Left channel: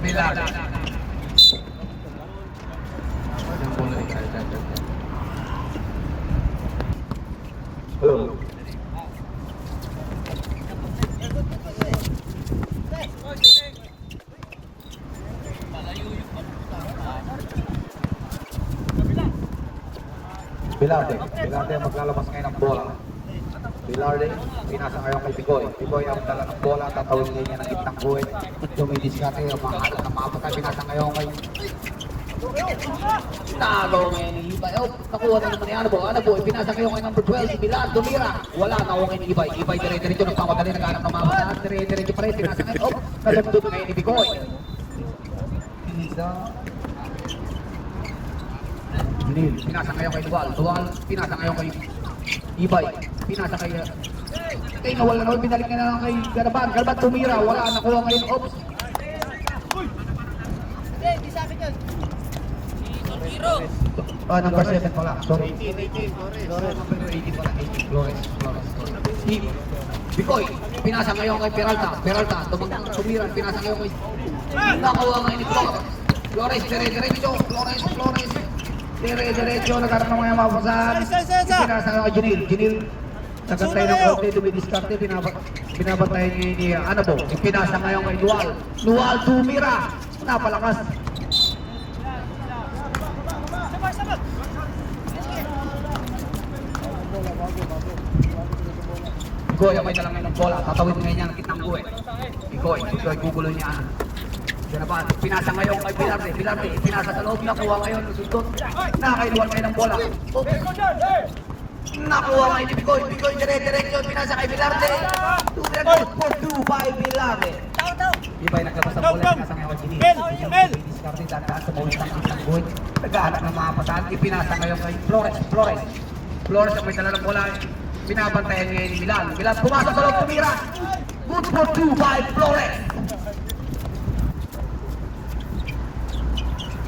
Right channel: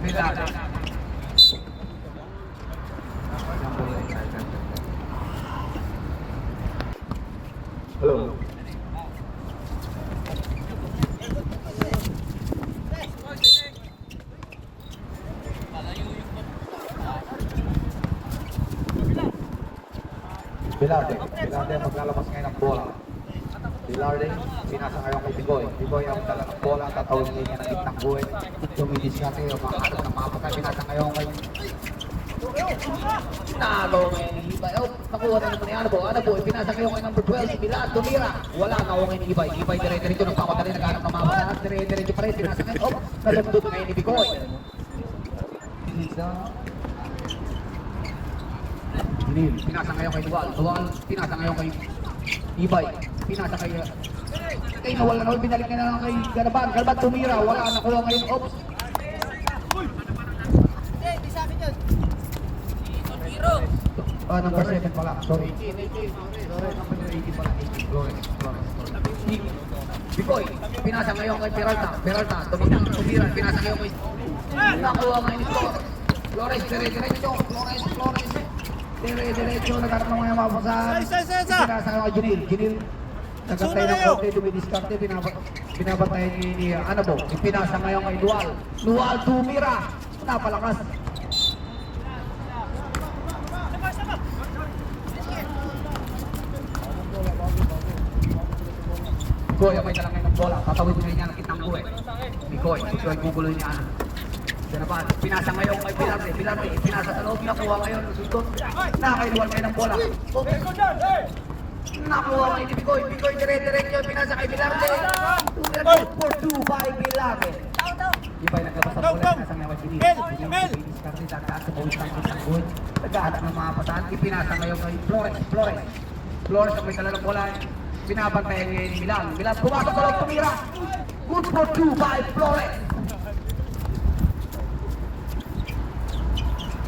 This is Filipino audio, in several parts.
Milagro. Hello. Bilarde ang maglalabas ngayon ng bola. Bilarde, pinasa ngayon kay Bigoy. Bigoy ang dala ng bola, tatawin niya ng gitnang buhay. Tumidiskarte, mga alam ng mga patay, pinasa ngayon kay Talo ngayon ni Ibay. Oh, nakuha na naman ni Ano po, pinasa ngayon kay number 12, si Milan, tumira. Wala, nakuha ngayon ni Ibay. Ibay dire-diretso, nagpapadali, naghanap ng mga patay. Dire-diretso pa rin, pinasa ngayon. Oh, nasundot ngayon ni Bigoy. Junil, pinasa ngayon kay Dual. Dual, pinasa ngayon kay Ibay. Pinasa kay Nawal na Nawal, binalik na lang kay Garaban. Garaban tumira, wala, nakuha ngayon. Oops. Number 7 pala, sorry. Number 18 pala, 18. Flores. Bigoy, pinasa ngayon kay Peralta. Peralta, tumira, pinasa ngayon kay nakuha ngayon ni Flores. Flores, dire-diretso. Flores. Dire-diretso, nagharap ng mga mapasan. Pinasa ngayon kay Junil. Junil, nagantay ng konti, dumidiskarte, binabantayan niya ni Anabo. Pinasa ngayon kay Dual. Dual, tumira. Napalakas. Bigoy, may dalang ng bola. Tatawid ngayon niya ang kitang buhay. Bigoy, guguloy niya. Ganaban, pinasa ngayon kay Bilarde. Bilarde, pinasa sa loob. Nakuha ngayon, isundot. Nakakailuan ngayon ng bola. Nakuha ngayon ni Bigoy. Bigoy, dire-diretso. Pinasa kay Bilarde. 2-4-2 by Bilarde. Ibay naglabas ang bola. Pinasa ngayon kay Ginil. Diskarte daan sa bola ng kitang buhay. Naghahanap ng mga pataan. Ipinasa ngayon kay Flores. Flores ang may dala ng bola. Binabantayan ngayon ni Milan. Milan pumasok sa loob, tumira. Good for 2 by Flores.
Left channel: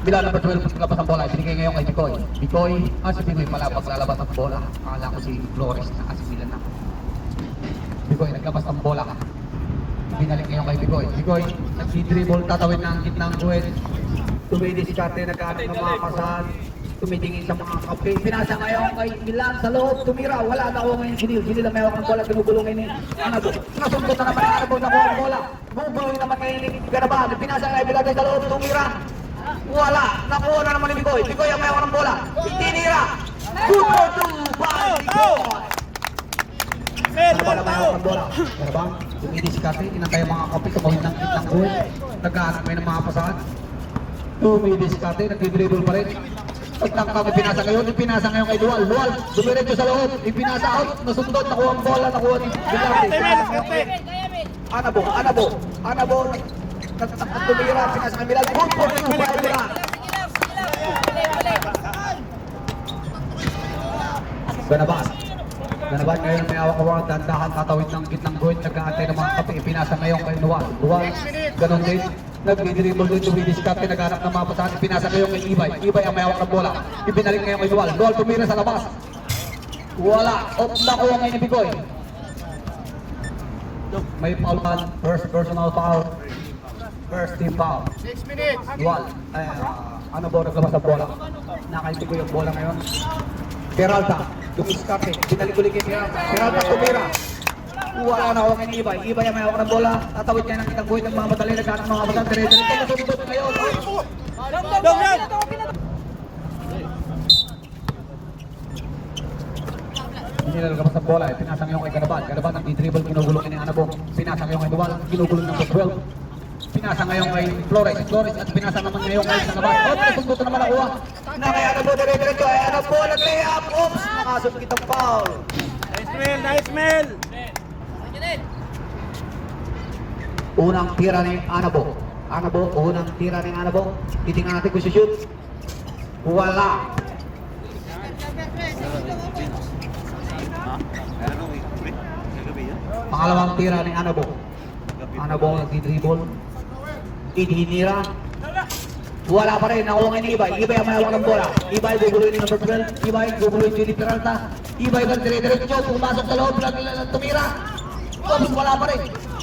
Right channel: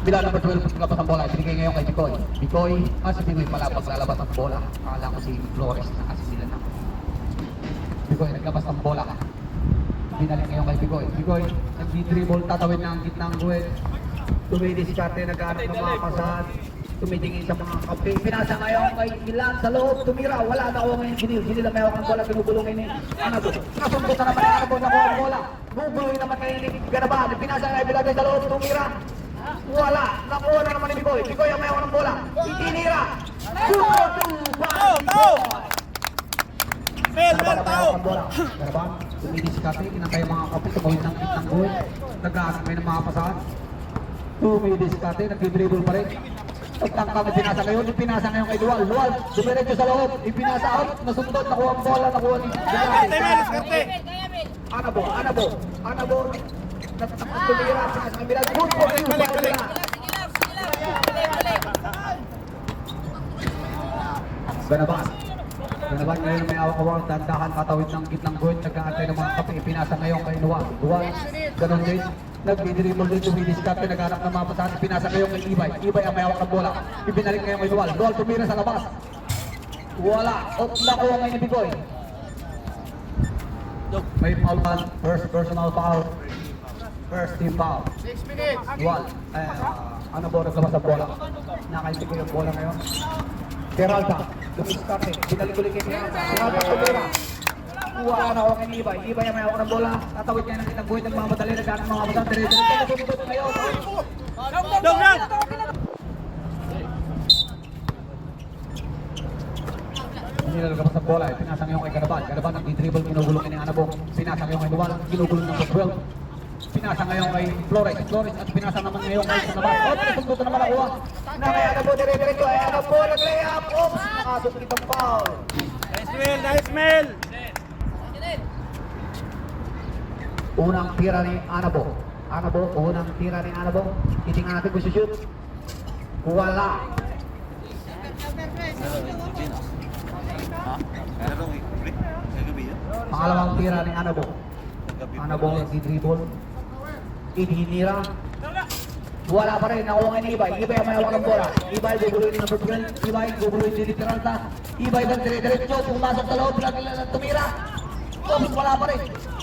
Milan number 12, naglabas ang bola. Ibigay ngayon kay Bigoy. Bigoy, si Bigoy pala paglalabas ang bola. Akala ko si Flores na kasi Milan na. Bigoy, naglabas ang bola. Binalik ngayon kay Bigoy. Bigoy, nag-dribble, tatawid na ang gitnang buwet. Tumidiskarte, nagkahanap ng mga pasal. Tumitingin sa mga kape. Pinasa ngayon kay Milan sa loob. Tumira. Wala na ako ngayon. Ginil ang mayroon ang bola. Tinugulungin ni Anabo. Nasundot na naman Anabo. Nakuha ang bola. Guguloy naman kay Garaban. Pinasa ngayon Bilarde sa loob. Tumira. Wala. Nakuha na naman ni Bigoy. Bigoy ang mayroon ang bola. Itinira. Good for 2 by Bigoy. Garaban ang mayroon ang bola. Garaban. Tumidiskarte. Inantay ang mga kape. Tumawid ng kitang buhay. Nagkahanap ngayon ng mga pasahan. Tumidiskarte. Nag-dribble pa rin. Pagtangkang ipinasa ngayon kay Dual. Dual, dumiretso sa loob, ipinasa out, nasundot, nakuha ang bola, nakuha ni Bilarde. Anabo, tumira, pinasa ng Milan, good for 2 by Milan. Ganaban ngayon may awak-awak, dandahan, tatawid ng gitnang buhay, nag-aantay ng mga kape, ipinasa ngayon kay Dual. Dual, ganun din. Nag-dribble din, tumidiskarte, naghanap ng mga pasahan, pinasa ngayon kay Ibay. Ibay ang may hawak ng bola. Ibinalik ngayon kay Dual. Dual tumira sa labas. Wala. Nakuha ngayon ni Bigoy. May foul man. First personal foul. First team foul. 6 minutes. Dual. Ano ba naglabas ng bola? Nakaibig ko yung bola ngayon. Peralta. Tumidiskarte. Binalik ulit kay Peralta tumira. Wala na ako kay Ibay. Ibay ang may hawak ng bola. Tatawid niya ng kitang buhay ng mga madali. Naghanap ng mga madali. Dire-diretso. Nasundot ngayon. Nilalagabas ng bola, pinasa ngayon kay Garaban. Garaban nag-dribble, kinugulong ni Anabo. Pinasa ngayon kay Dual, kinugulong ng 12. Pinasa ngayon kay Flores. At pinasa naman ngayon kay Garaban. Nasundutan naman nakuha. Na kay Anabo, dire-diretso. Ay Anabo, nag-layup. Oops, nakasundot ang foul. Nice mail. Unang tira ni Anabo. Unang tira ni Anabo. Titingnan natin kung shoot. Wala. Pangalawang tira ni Anabo. Anabo nag-dribble. Ininira. Wala pa rin. Nakuha ni Ibay. Ibay ang mayawak ng bola. Ibay guguloy ni number 12. Ibay guguloy ni Juni Peralta. Ibay ba dire-diretso. Pumasok sa loob. Tumira. Oops, wala pa rin.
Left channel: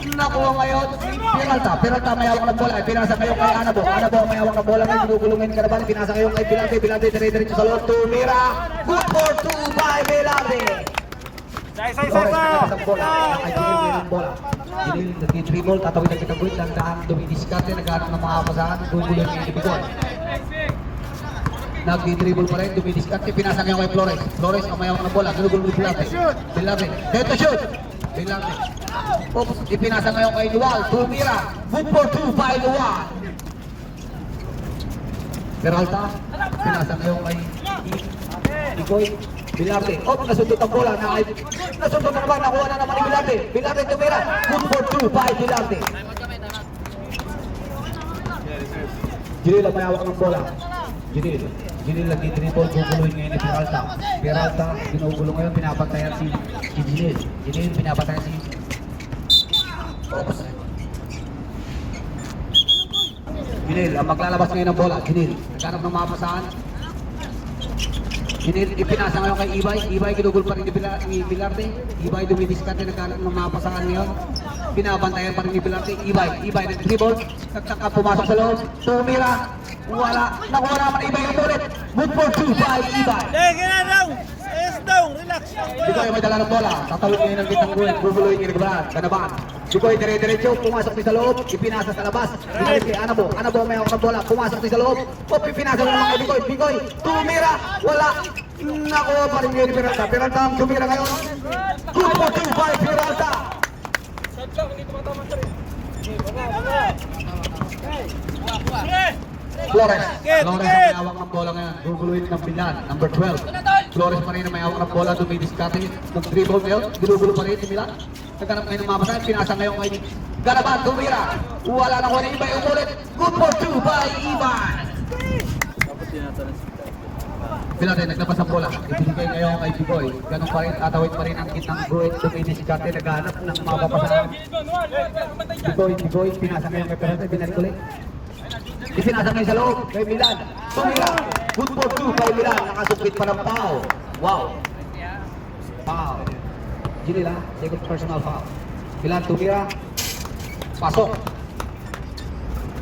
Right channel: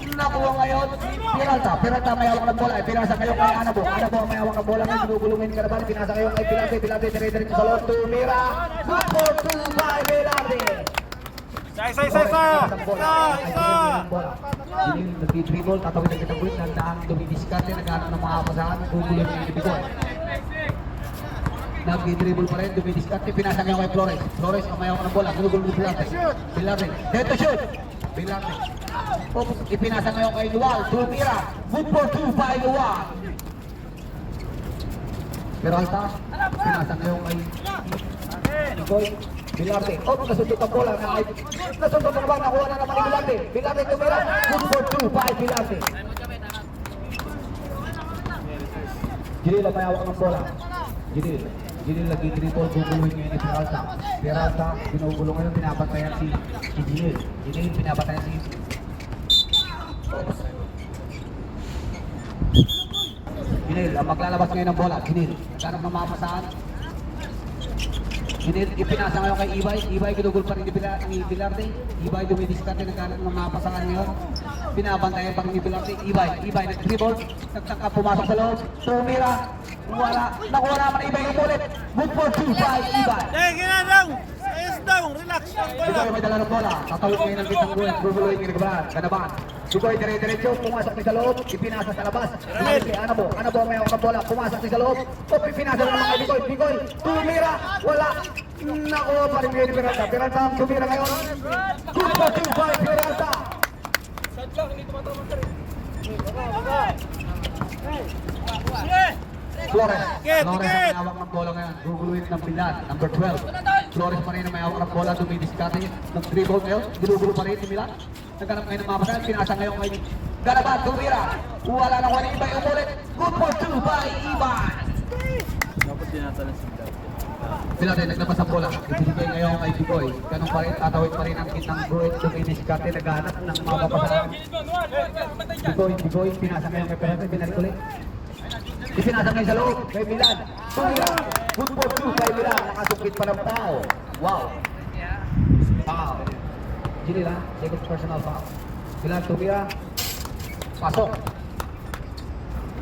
nakuha ngayon si Peralta. Peralta may hawak ng bola. Pinasa ngayon kay Anabo. Anabo may hawak ng bola ngayon. Ginugulungin ka naman. Pinasa ngayon kay Bilarte. Bilarte dire-diretso sa loob. Tumira. Good for 2 by Bilarte. Sa bola. Ay, ginugulungin ng bola. Ginugulungin nag-dribble. Tatawid ang kitagwit. Landaang dumidiskarte. Naghanap ng mga kapasahan. Gugulungin ng ibigol. Nag-dribble pa rin. Dumidiskarte. Pinasa ngayon kay Flores. Flores ang may hawak ng bola. Ginugulungin ni Bilarte. Bilarte. Dead to shoot. Bilarte. Oops, ipinasa ngayon kay Lual. Tumira. Good for 2 by Lual. Peralta. Pinasa ngayon kay Nicoy. Bilarte. Oops, nasundot ang bola. Nasundot ang bola. Nakuha na naman ni Bilarte. Bilarte tumira. Good for 2 by Bilarte. Jinil ang may hawak ng bola. Jinil. Jinil nag-dribble. Guguluhin ngayon ni Peralta. Peralta. Ginugulo ngayon. Pinapantayan si Jinil. Jinil pinapantayan si Ginil, ang maglalabas ngayon ng bola. Ginil, naghanap ng mapasahan. Ginil, ipinasa ngayon kay Ibay. Ibay, ginugol pa rin ni Bilarte. Ibay, dumidiskarte, naghanap ng mapasahan ngayon. Pinabantayan pa rin ni Bilarte. Ibay, nag-dribble. Nagtaka, pumasok sa loob. Tumira. Wala. Nakuha naman Ibay yung ulit. Good for 2 by Ibay. Relax. Bikoy may dala ng bola. Tatawid ngayon ng kitang gulit. Bubuloy ng Ganaban. Ganaban. Bikoy dire-diretso. Pumasok din sa loob. Ipinasa sa labas. Binalik kay Anabo. Anabo may hawak ng bola. Pumasok din sa loob. Ipinasa naman kay Bikoy. Bikoy. Tumira. Wala. Nakuha pa rin ngayon ni Peralta. Peralta ang tumira ngayon. Good for 2 by Peralta. Flores. Flores ang may hawak ng bola ngayon. Guguluhin ng Pilan. Number 12. Flores pa rin ang may hawak ng bola. Dumidiskarte. Nag-dribble ngayon. Ginugulo pa rin si Milan. Naghanap ngayon ng mapasahin. Pinasa ngayon kay Ganaban. Tumira. Wala na ko na Ibay. Umulit. Good for 2 by Iban. Pilan naglabas ang bola. Ibigay ngayon kay Bigoy. Ganun pa rin. Tatawid pa rin ang kitang guhit. Dumidiskarte. Naghanap ng mapasahin. Bigoy. Pinasa ngayon kay Peralta. Binalik ulit. Ipinasa ngayon sa loob kay Milan. Tumira. Good for 2 kay Milan. Nakasukit pa ng foul. Wow. Foul. Ginila. Second personal foul. Milan tumira. Pasok.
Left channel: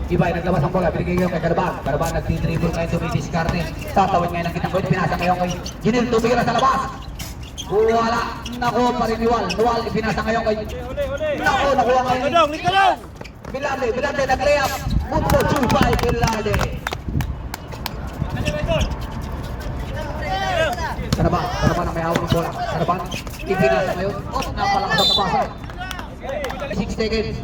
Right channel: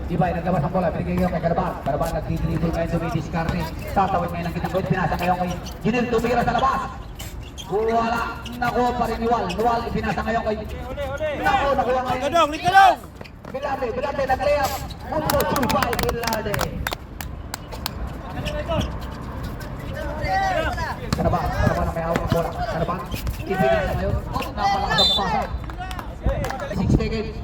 Ibay naglabas ang bola. Binigay ngayon kay Ganaban. Ganaban nag-dribble ngayon. Dumidiskarte. Tatawid ngayon ang kitang gol. Pinasa ngayon kay Ginil. Tumira sa labas. Wala. Nakuha pa rin ni Wal. Wal ipinasa ngayon kay nakuha ngayon. Bilarte nag-layup. Good for 2 by Bilarte. Ganaban ang may hawak ng bola. Ganaban, ipinasa ngayon. Napalakas ang tapasa. 6 seconds.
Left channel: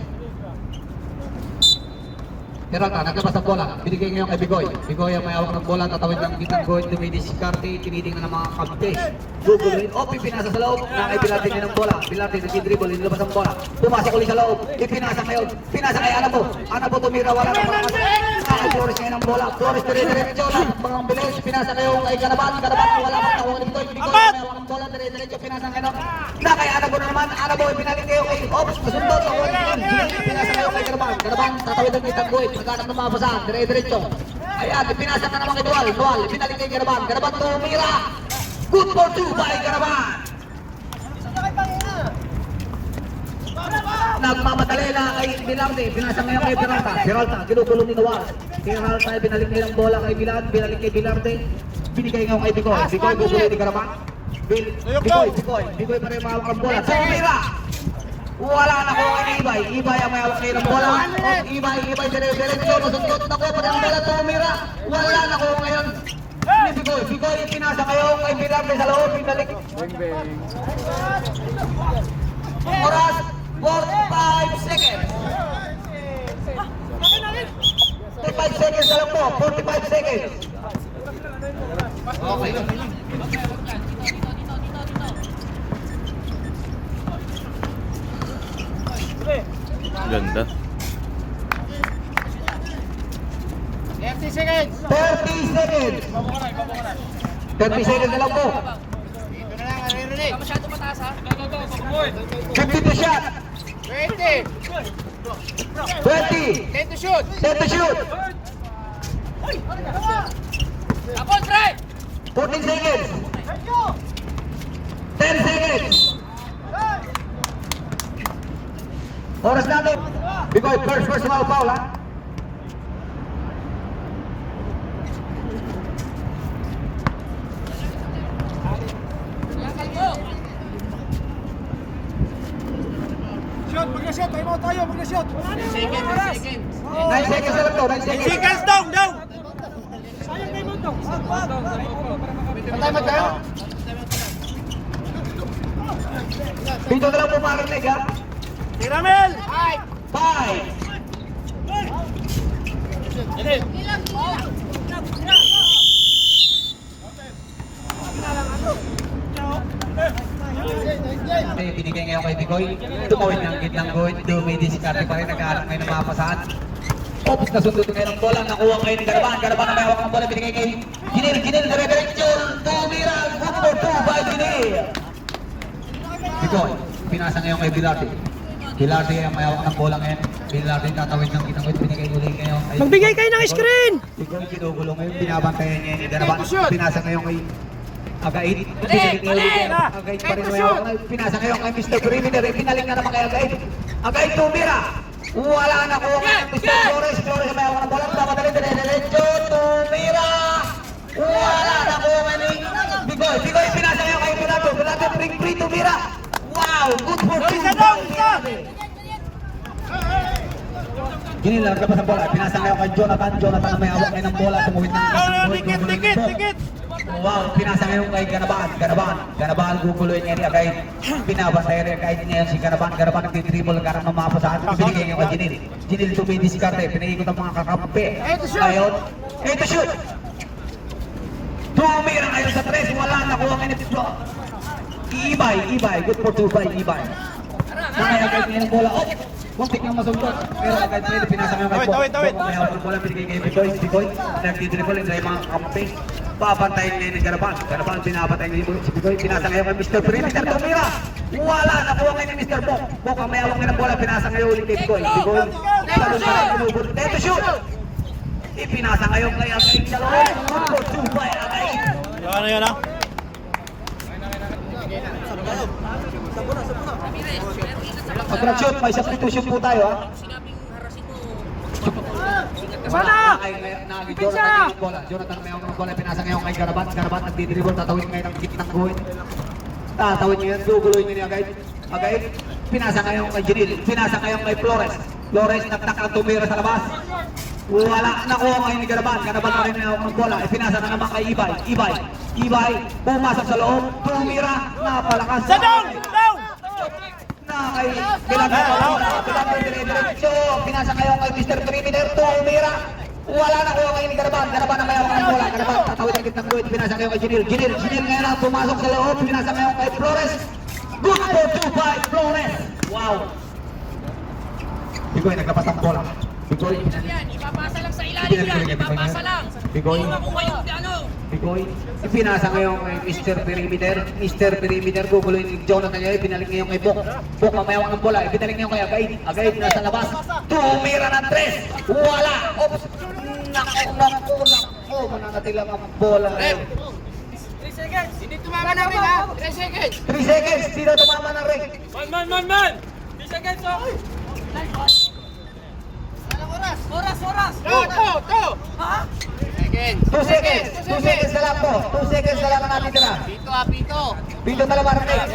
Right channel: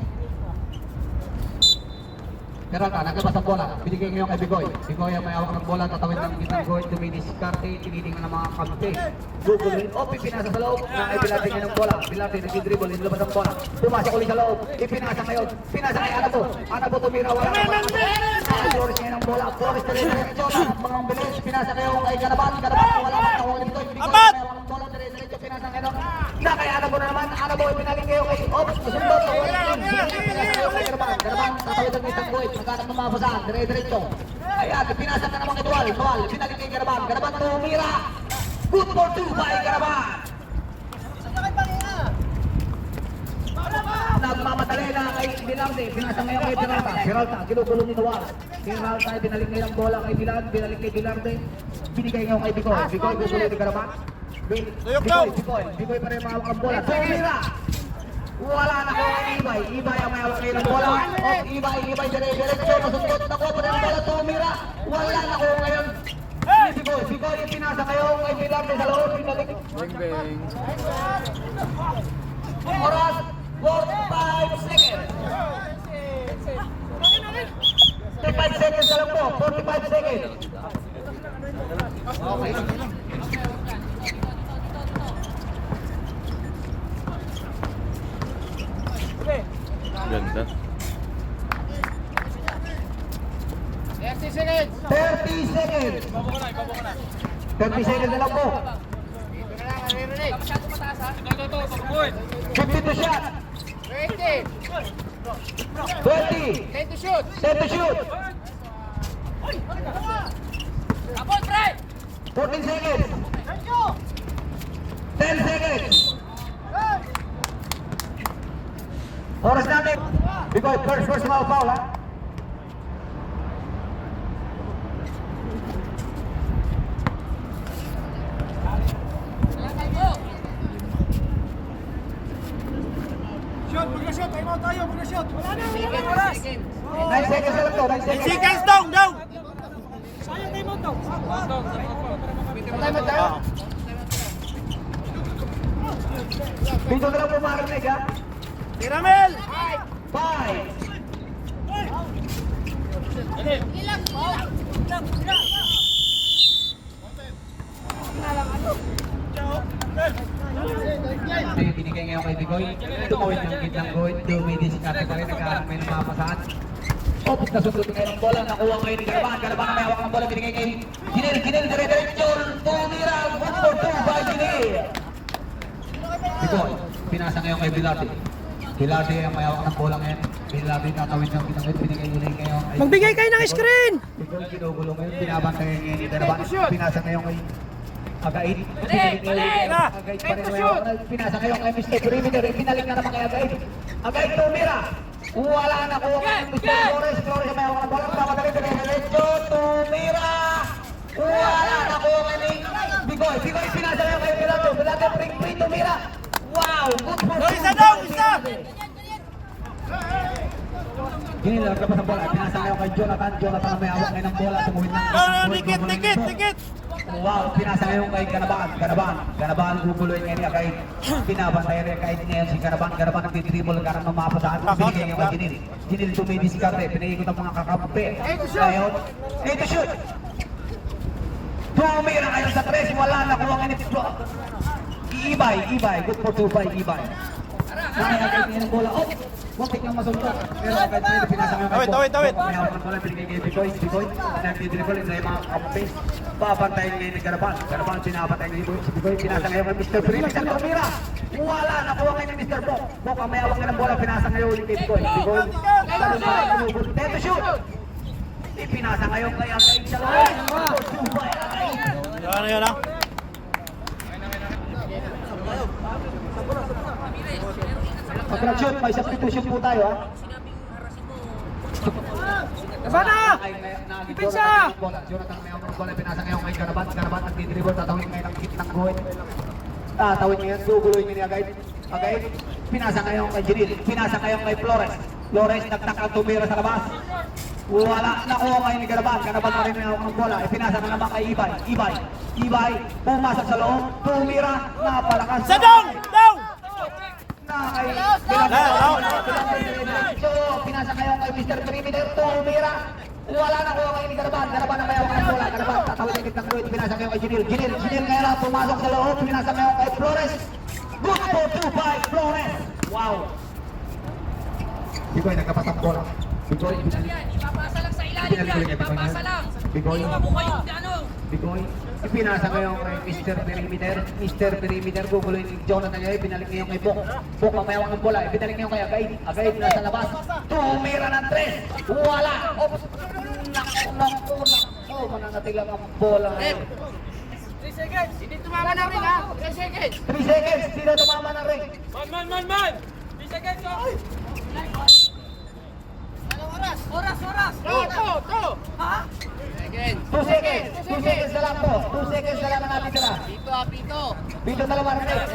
Peralta, naglabas ang bola. Binigay ngayon kay Bigoy. Bigoy ang may hawak ng bola. Tatawid ng kitang guhit. Dumidiskarte. Tinitingnan ng mga kabtes. Guguluhin. Ipinasa sa loob. Nang Bilarte ngayon ng bola. Bilarte nag-dribble. Inilabas ang bola. Pumasok ulit sa loob. Ipinasa ngayon. Pinasa kay Anabo. Anabo tumira. Wala na mga Flores ngayon ng bola. Flores dire-diretso. Mga bilis. Pinasa ngayon kay Ganaban. Ganaban wala pang tawag ni Bigoy. Bigoy may hawak ng bola. Dire-diretso. Pinasa ngayon. Na kay Anabo na naman. Anabo ipinaling ngayon kay Ops. Masundot. Pinasa ngayon kay Ganaban. Ganaban tatawid ng kitang guhit. Naghanap ng mapasahan. Dire-diretso. Ayan. Pinasa na naman kay Dual. Dual. Ipinaling kay Ganaban. Ganaban tumira. Good for 2 by Ganaban. Nagmamadali na kay Bilarte. Pinasa ngayon kay Peralta. Peralta, ginugulong ni Dual. Peralta, binalik ngayon ang bola kay Bilan. Binalik kay Bilarte. Binigay ngayon kay Bigoy. Bigoy, gugulong ni Ganaban. Bigoy pa rin mahawak ang bola. Tumira! Wala na ko kay Ibay. Ibay ang may hawak ngayon ang bola. Ibay, dire-diretso. Nasundot na ko pa rin ang bola. Tumira! Wala na ko ngayon. Bigoy, pinasa kayo kay Bilarte sa loob. Binalik. Oras, 45 seconds. 45 seconds na lang po. 45 seconds. Okay. Ganda. 30 seconds. 30 seconds. 30 seconds na lang po. 50 to shot. 20. 20. 10 to shoot. 10 to shoot. 14 seconds. 10 seconds. Oras natin. Bikoy, first personal foul ha. Shot, mag-shot, time out tayo, mag-shot. 9 seconds na lang to, 9 seconds. Seconds down, down. Sayang time out to. Patay mo tayo. Dito na lang po marinig ha. Tiramel. 5. May binigay ngayon kay Bikoy. Tumawid ng gitnang guhit. Dumidiskarte pa rin. Nagkahanap kayo ng mapasaan. Oops, nasundo ngayon ang bola. Nakuha kayo ni Garaban. Garaban na may hawak ang bola. Binigay kay Ginil. Ginil, dire-diretso. Tumira. Good for 2 by Ginil. Bikoy, pinasa ngayon kay Bilate. Bilate ang may hawak ng bola ngayon. Bilate tatawid ng gitnang guhit. Binigay ulit ngayon. Magbigay kayo ng screen! Bikoy, kinugulo ngayon. Binabantayan niya ni Garaban. Pinasa ngayon kay Agait. Pinalik ngayon ulit. Agait pa rin may hawak na. Pinasa ngayon kay Mr. Perimeter. Pinalik na naman kay Agait. Agait tumira. Wala na kuha kay Mr. Flores. Flores may hawak ng bola. Dapat dire-diretso. Tumira. Wala na kuha kay Bikoy. Bikoy pinasa ngayon kay Bilate. Bilate ring free tumira. Wow! Good for 2. Ginil na naglapas ang bola. Pinasa ngayon kay Jonathan. Jonathan ang may hawak ngayon ng bola. Tumawid ng Dikit. wow, pinasa ngayon kay Ganaban. Ganaban guguloy niya niya kahit pinabasa niya kahit ngayon si Ganaban. Ganaban nagtitribble karang mamapasahan. Binigay ngayon kay Ginil. Ginil tumidiskarte. Pinaikot ang mga kakampi. Ngayon, ito shoot! Tumira ngayon sa 3. Wala na kuha ngayon ito. Ibay. Good for 2 by Ibay. Nakaya kahit ngayon ang bola. Oh! Muntik lang masuntok. Pero kahit ngayon pinasa ngayon kay Bok. May hawak ng bola. Binigay kay Bikoy. Bikoy nagtitribble sa mga kakampi. Papantayin ngayon ni Garaban. Garaban pinapatay ngayon si Bikoy. Pinasa ngayon kay Mr. Perimeter. Tumira! Wala! Nakuha ngayon ni Mr. Bok. Bok ang may hawak ng bola. Pinasa ngayon ulit kay Bikoy. Bikoy. Talon na lang kinubot. Ito shoot! Ipinasa ngayon kay Agay. Salon. For 2 by Agay. Ano yun ah? Pag-shoot, may substitution po tayo ha. Sana! Jonathan may hawak ng bola. Pinasa ngayon kay Garaban. Garaban nagdidribble. Tatawid ngayon ang gitnang guhit. Tatawid ngayon. Guguloy niyo ni Agay. Agay. Pinasa ngayon kay Ginil. Pinasa ngayon kay Flores. Flores nagtak ang tumira sa labas. Wala. Nakuha ngayon ni Garaban. Garaban pa rin may hawak ng bola. Pinasa na naman kay Ibay. Ibay. Pumasok sa loob. Tumira. Napalakas. Sit down! Kay Diretso. Pinasa ngayon kay Mr. Perimeter. Tumira. Wala na kuha ngayon ni Garaban. Garaban na may hawak ng bola. Garaban tatawid ang gitnang guhit. Pinasa ngayon kay Ginil. Ginil ngayon ang pumasok sa loob. Pinasa ngayon kay Flores. Good for 2 by Flores. Wow. Bikoy nagkapas ang bola. Bikoy. Ipapasa lang sa ilalim yan. Ipapasa lang. Bikoy. Hindi mo kayo, ano? Bikoy. Ipinasa ngayon kay Mr. Perimeter. Mr. Perimeter guguloy ni Jonathan ngayon. Pinalik ngayon kay Bok. Bok ang may hawak ng bola. Pinalik ngayon kay Agay. Agay nasa labas. Tumira ng 3. Wala. Oops. Naku. Mananatilang ang bola. 3 seconds. Hindi tumama na rin ha. 3 seconds. 3 seconds. Sino tumama ng ring? Man. 3 seconds oh. Anong oras? Oras. To. Ha? 2 seconds. 2 seconds na lang po. 2 seconds na lang ang ating tira. Pito. Pito na lang ang ring.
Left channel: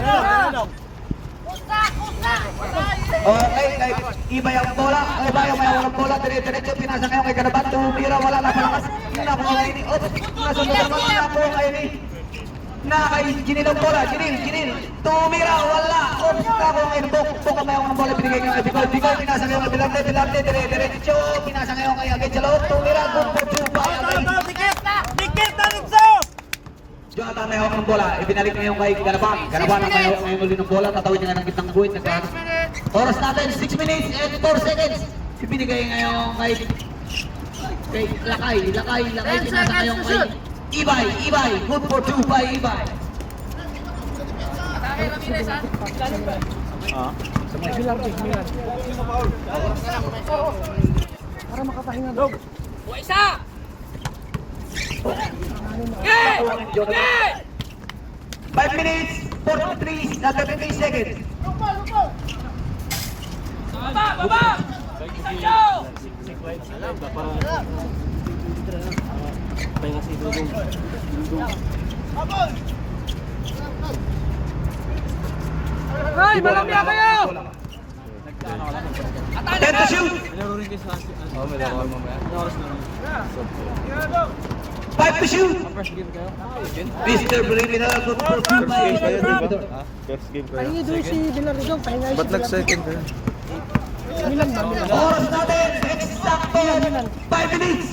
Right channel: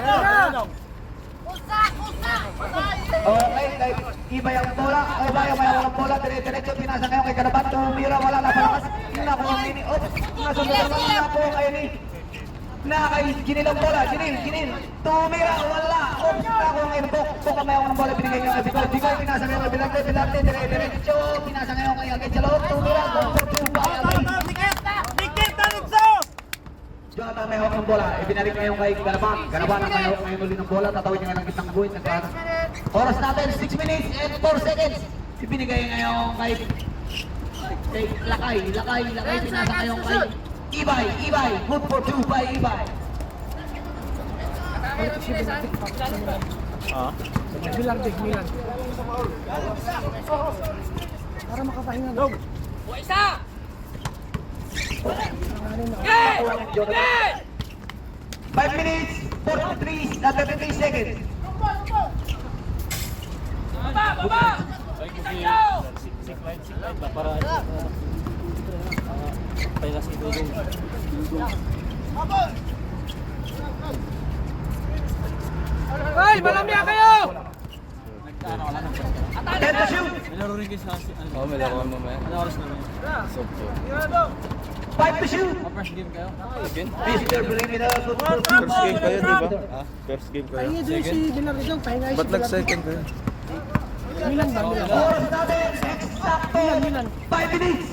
Okay, kay Ibay ang bola. Ibay ang may walang bola. Dire-diretso pinasa ngayon kay Garaban. Tumira, wala na palakas. Nakuha ngayon ni Ops. Nasunod naman ang nakuha ngayon ni kay Ginil ang bola. Ginil. Tumira, wala. Ops, nakuha ngayon ni Bok. Bok ang may walang bola. Binigay ngayon kay Bikoy. Bikoy, pinasa ngayon kay Bilante. Dire-diretso. Pinasa ngayon kay Agay sa loob. Tumira, good for 2 by Agay. Dikit na nito! Jonathan may hawak ng bola. Ibinalik ngayon kay Garaban. Garaban ang may hawak ngayon ulit ng bola. Tatawid niya ng gitnang guhit. Oras natin, 6 minutes and 4 seconds. Ibinigay ngayon kay Lakay. Pinasa ngayon kay Ibay. Good for 2 by Ibay. Para makapahinga. Isa. 5 minutes, 43 seconds. Hoy, malambya kayo! 10 to shoot. 5 to shoot. Mr. Criminal Football Team. First game kayo, di ba? First game kayo. Ba't nag-second kayo? Oras natin, eksakto 5 minutes.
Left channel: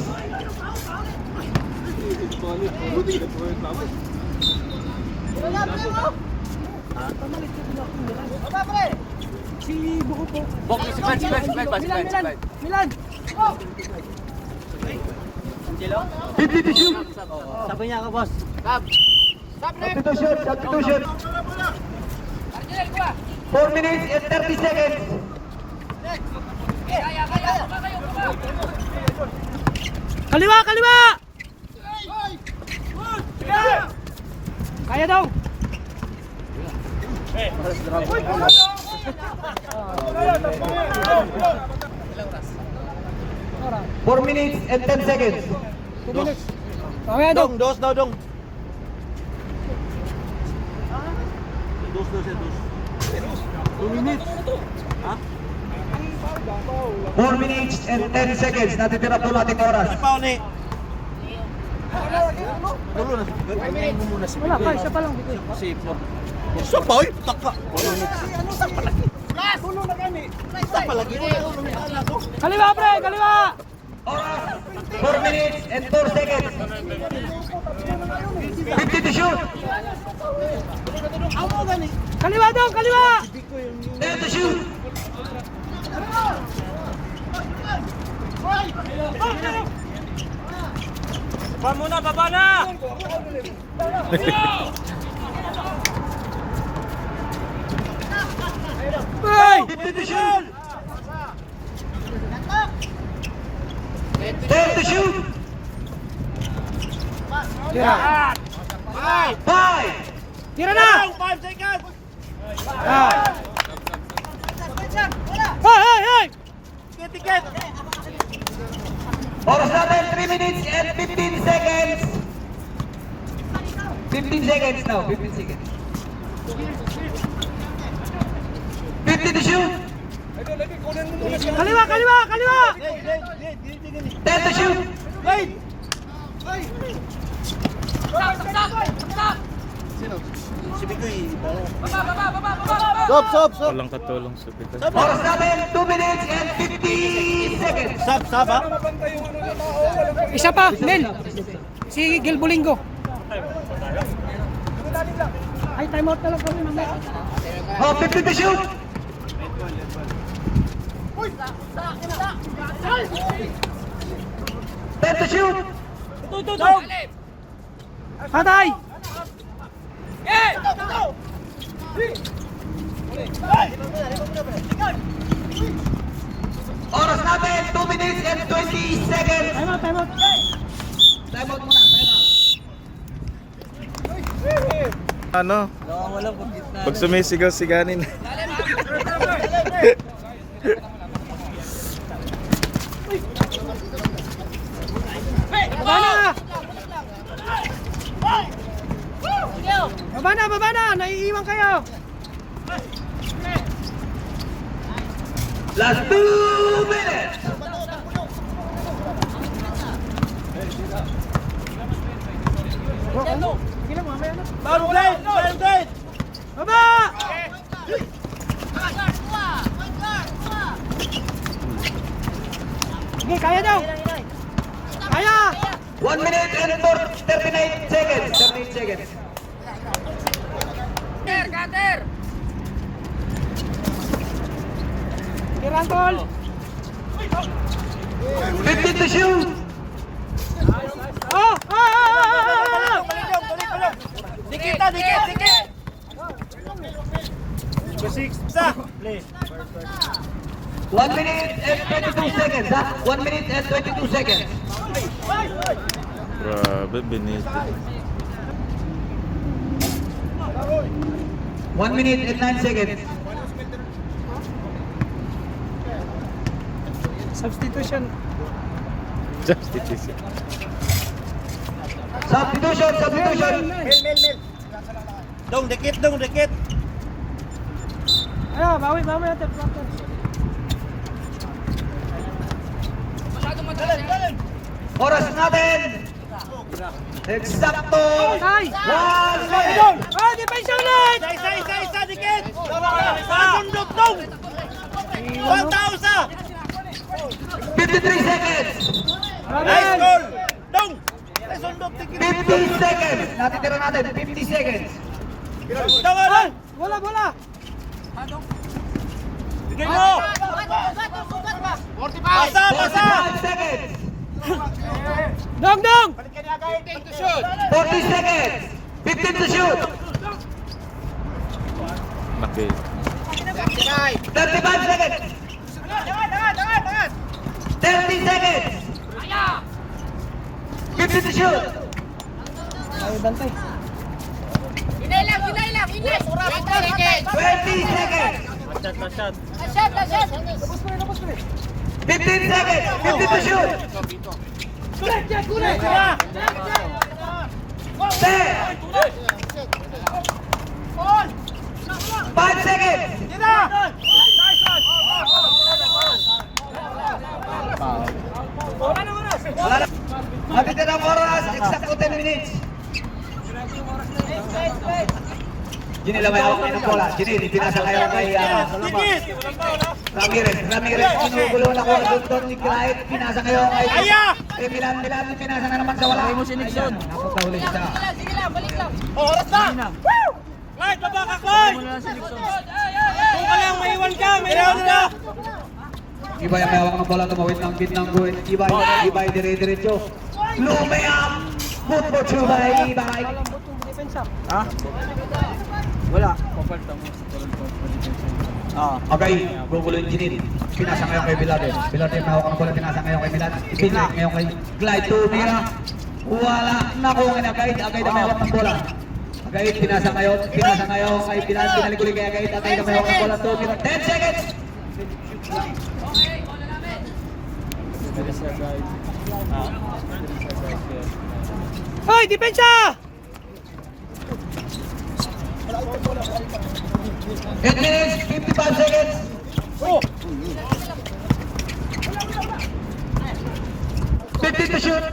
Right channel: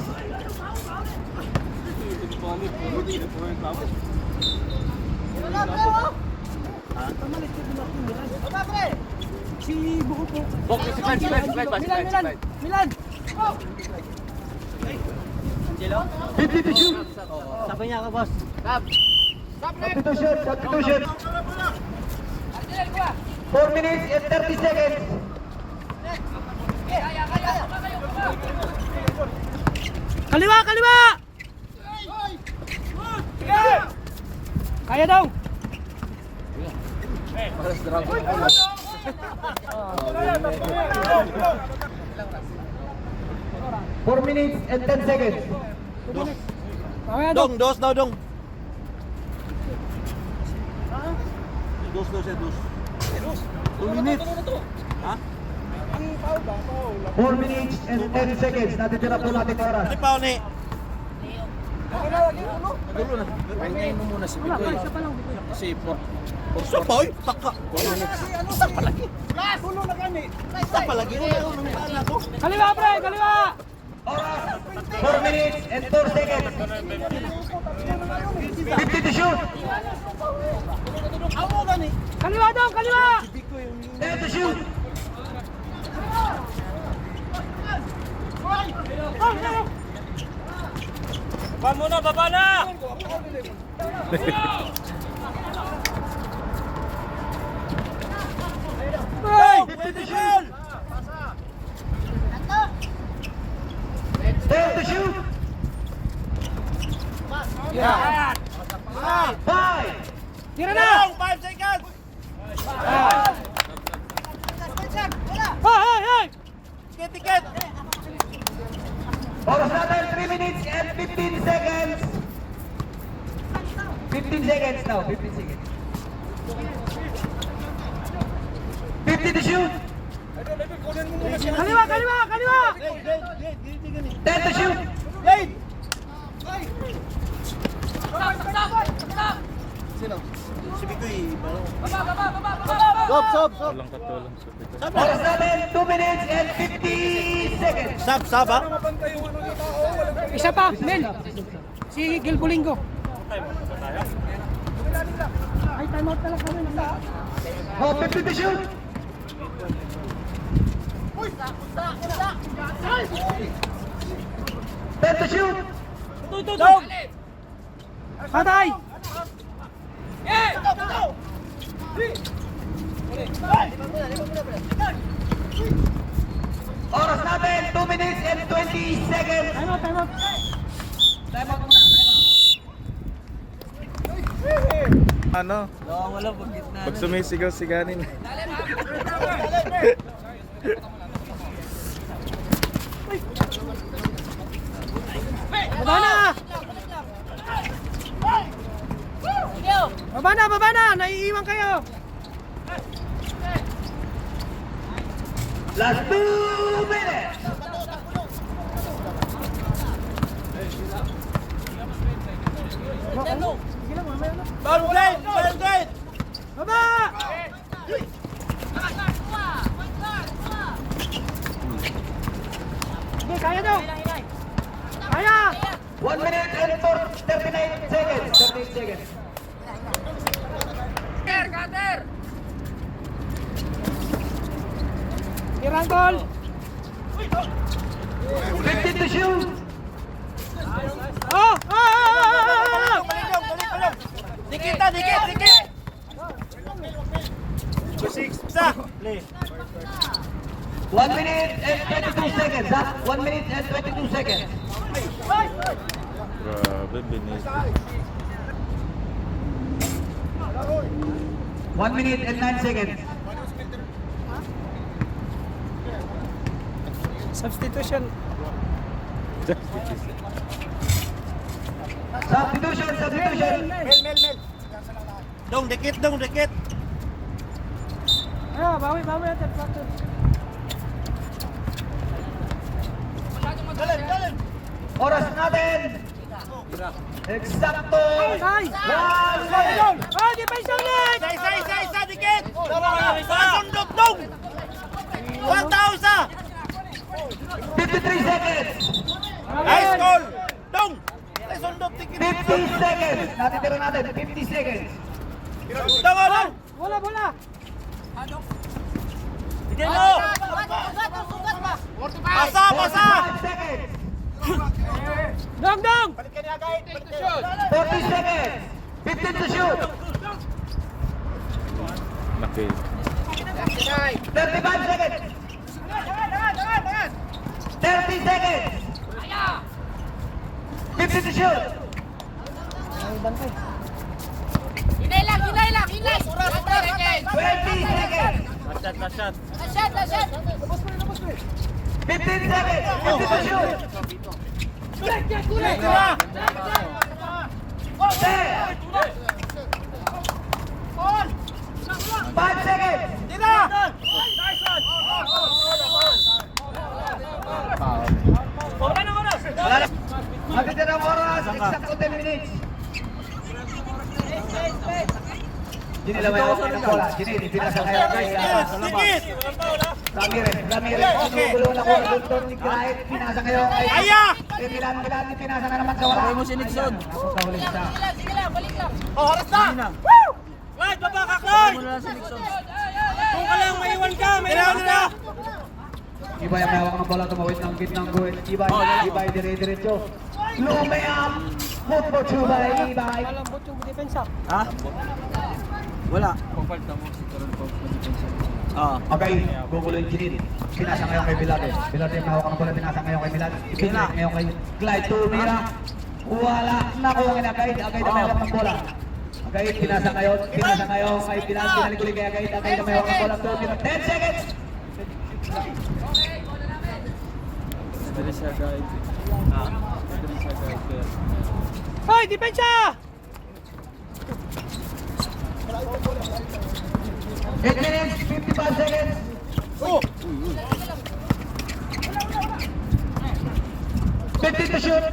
Milan! 50 to shoot. Sabi niya ka, boss. 50 to shoot. 50 to shoot. 4 minutes and 30 seconds. Kaliwa, kaliwa! Kaya dong! 4 minutes and 10 seconds. Kaya dong! Dos daw, dong. 4 minutes and 10 seconds. Natitira po natin oras. Paul ni. Dulo na. Wala pa, isa pa lang. Isa pa, oy. Taka. Kaliwa, pre! Kaliwa! Oras. 4 minutes and 4 seconds. 50 to shoot. Kaliwa dong! Kaliwa! 10 to shoot. Baba muna! Baba na! Hey! 50 to shoot. 10 to shoot. Yeah. 5. Tira na! 5 seconds. Hoy! Hoy! Hoy! Tiket. Oras natin 3 minutes and 15 seconds. 15 seconds now. 15 seconds. 50 to shoot. Kaliwa! Kaliwa! Kaliwa! 10 to shoot. Stop. Walang katulong sa pita. Oras natin 2 minutes and 50 seconds. Sab, ha? Isa pa, Mel. Si Gil Bolingo. Ay, time out na lang kami. Oh, 50 to shoot. 10 to shoot. Patay! Oras natin 2 minutes and 20 seconds. Time out, time out. Time out muna, time out. Ano? Wala pag gitna. Pag sumisigaw siganin. Baba na! Naiiwan kayo! Last 2 minutes. Sige lang, mamaya na. Blade. Baba! Sige, kaya daw! Kaya! 1 minute and 39 seconds. 38 seconds. Tirantol! 50 to shoot. Oh! Dikit. 1 minute and 22 seconds. 1 minute and 22 seconds. Grabe, binito. 1 minute and 9 seconds. Substitution. Substitution. Substitution, substitution. Mel. Dong, dikit. Ano, bawi natin. Proctor. Oras natin. Eksakto. Patay! 1 minute. Oh, depensa ulit! Isa, dikit. Sundot, dong. 1,000. 53 seconds. Nice goal. Dong. Sundot, dikit. 50 seconds. Natitira natin, 50 seconds. Tanga lang. Bola! Dikit mo. Pasa. 45 seconds. Dong! 40 seconds. 15 to shoot. Nakil. 35 seconds. 30 seconds. 50 to shoot. Ay, bantay. 20 seconds. Masyad. 15 seconds. 50 to shoot. 5 seconds. Natitirang oras, eksakto 10 minutes. Gini lang may awak ng bola. Gini, pinasa kayo kay Dikit. Ramirez, kinugulong ako na Victor ni Krait, pinasa kayo kay kay Milan, pinasa na naman sa wala. Mo si Nixon. Nakapahuli siya. Oras na. Clyde, baba ka, Clyde. Kung ka lang, maiwan ka. Ibay ang may hawak ng bola, tumawid ng bit ng guwit. Ibay dire-diretso. Lumayam! Good for Chubay, Ibay. Malambot yung depensa. Wala. Okay, gugulo yung Jinil. Pinasa ngayon kay Bilardo. Bilardo yung hawak ng bola, pinasa ngayon kay Milan. Pinasa ngayon kay Clyde, tumira. Wala. Nakuha na Agay na may hawak ng bola. Agay, pinasa ngayon kay Bilardo. Pinaliguli kay Agay na may hawak ng bola. Tumira. 10 seconds! There is a guide. There is a guide there. Hoy, depensa! 8 minutes, 55 seconds. Oh. 15 to shoot.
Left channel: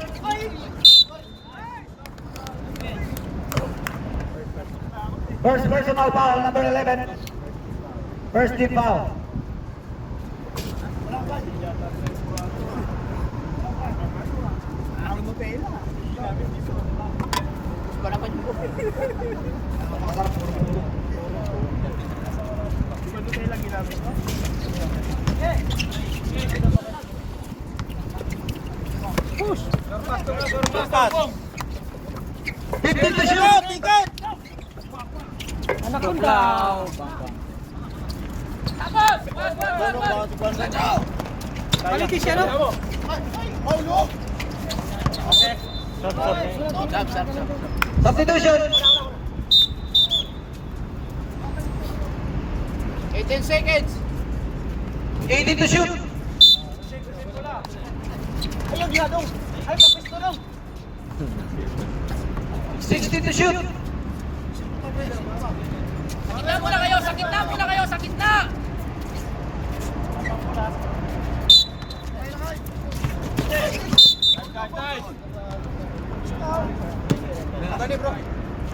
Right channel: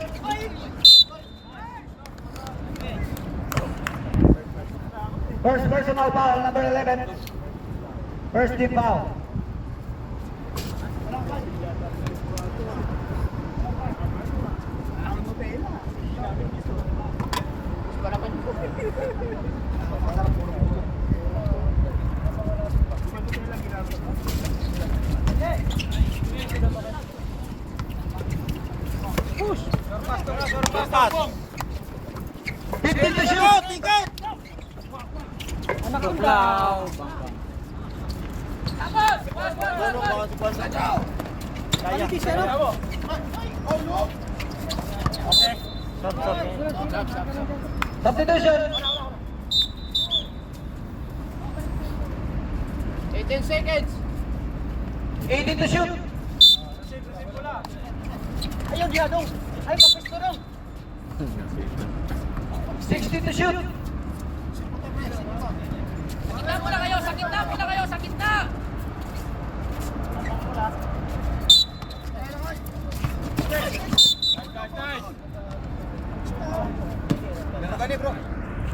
First personal foul, number 11. First team foul. Push! 15 to shoot. Dikit. Tuklaw. Quality siya, no? Substitution. 18 seconds. 18 to shoot. Ayun, Diadong. Ay, papisto lang. 16 to shoot. Sa gitna.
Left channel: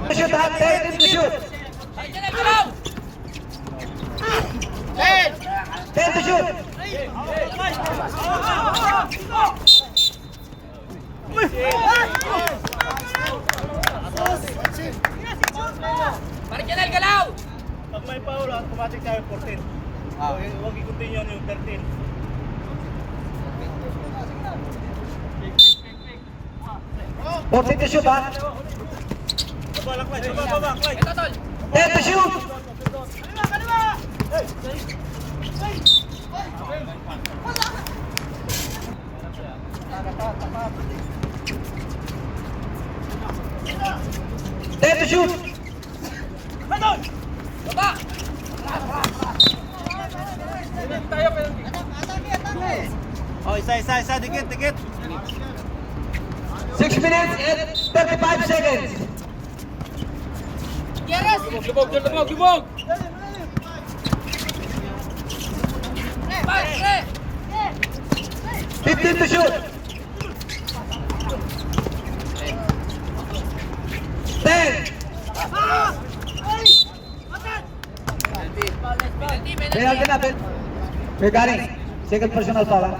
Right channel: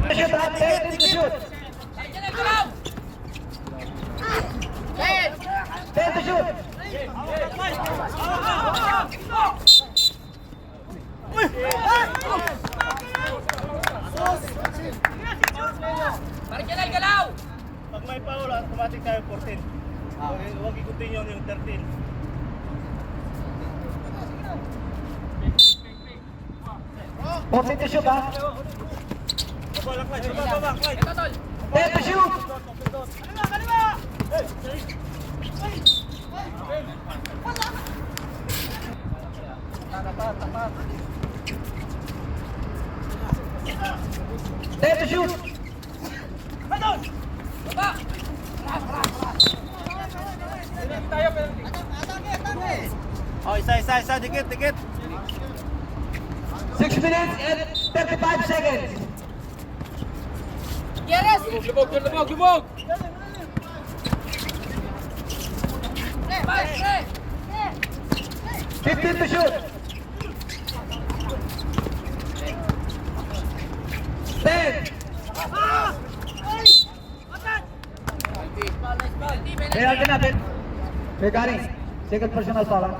To shoot, 13 to shoot. 10 to shoot. Pag may foul, automatic tayo 14. Huwag ikutin yun yung 13. Fourteen to shoot, ha? Baba, Clyde. Baba, Clyde. 10 to shoot. Ten to shoot. Isa, dikit. 6 minutes and 35 seconds. Lubog. 15 to shoot. 10. Penalty natin. Regarding second personal foul.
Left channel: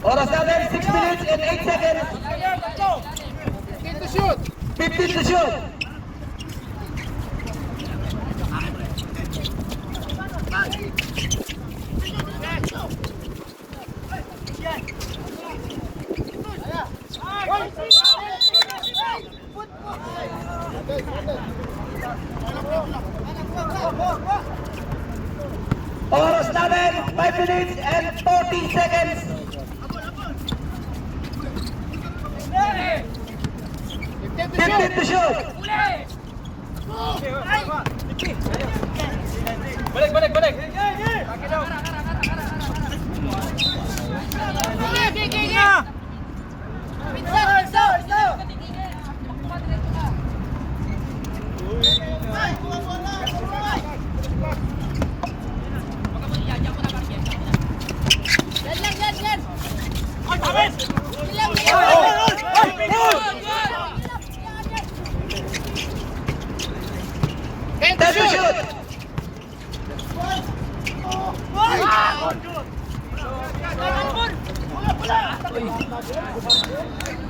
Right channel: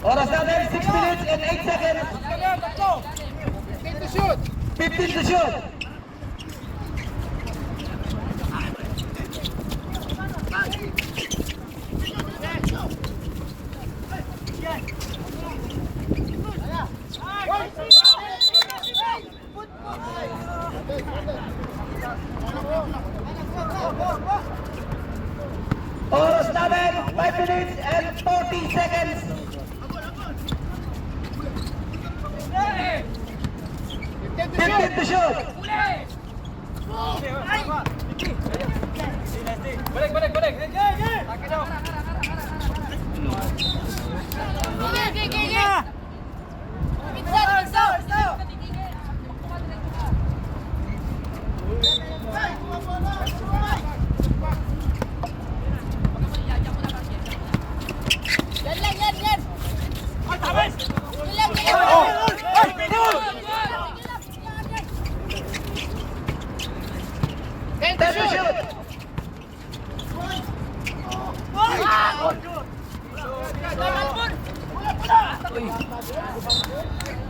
Oras natin, 6 minutes and 8 seconds. 15 to shoot. Oras natin, 5 minutes and 40 seconds. 15 to shoot. Balik. Ten to shoot.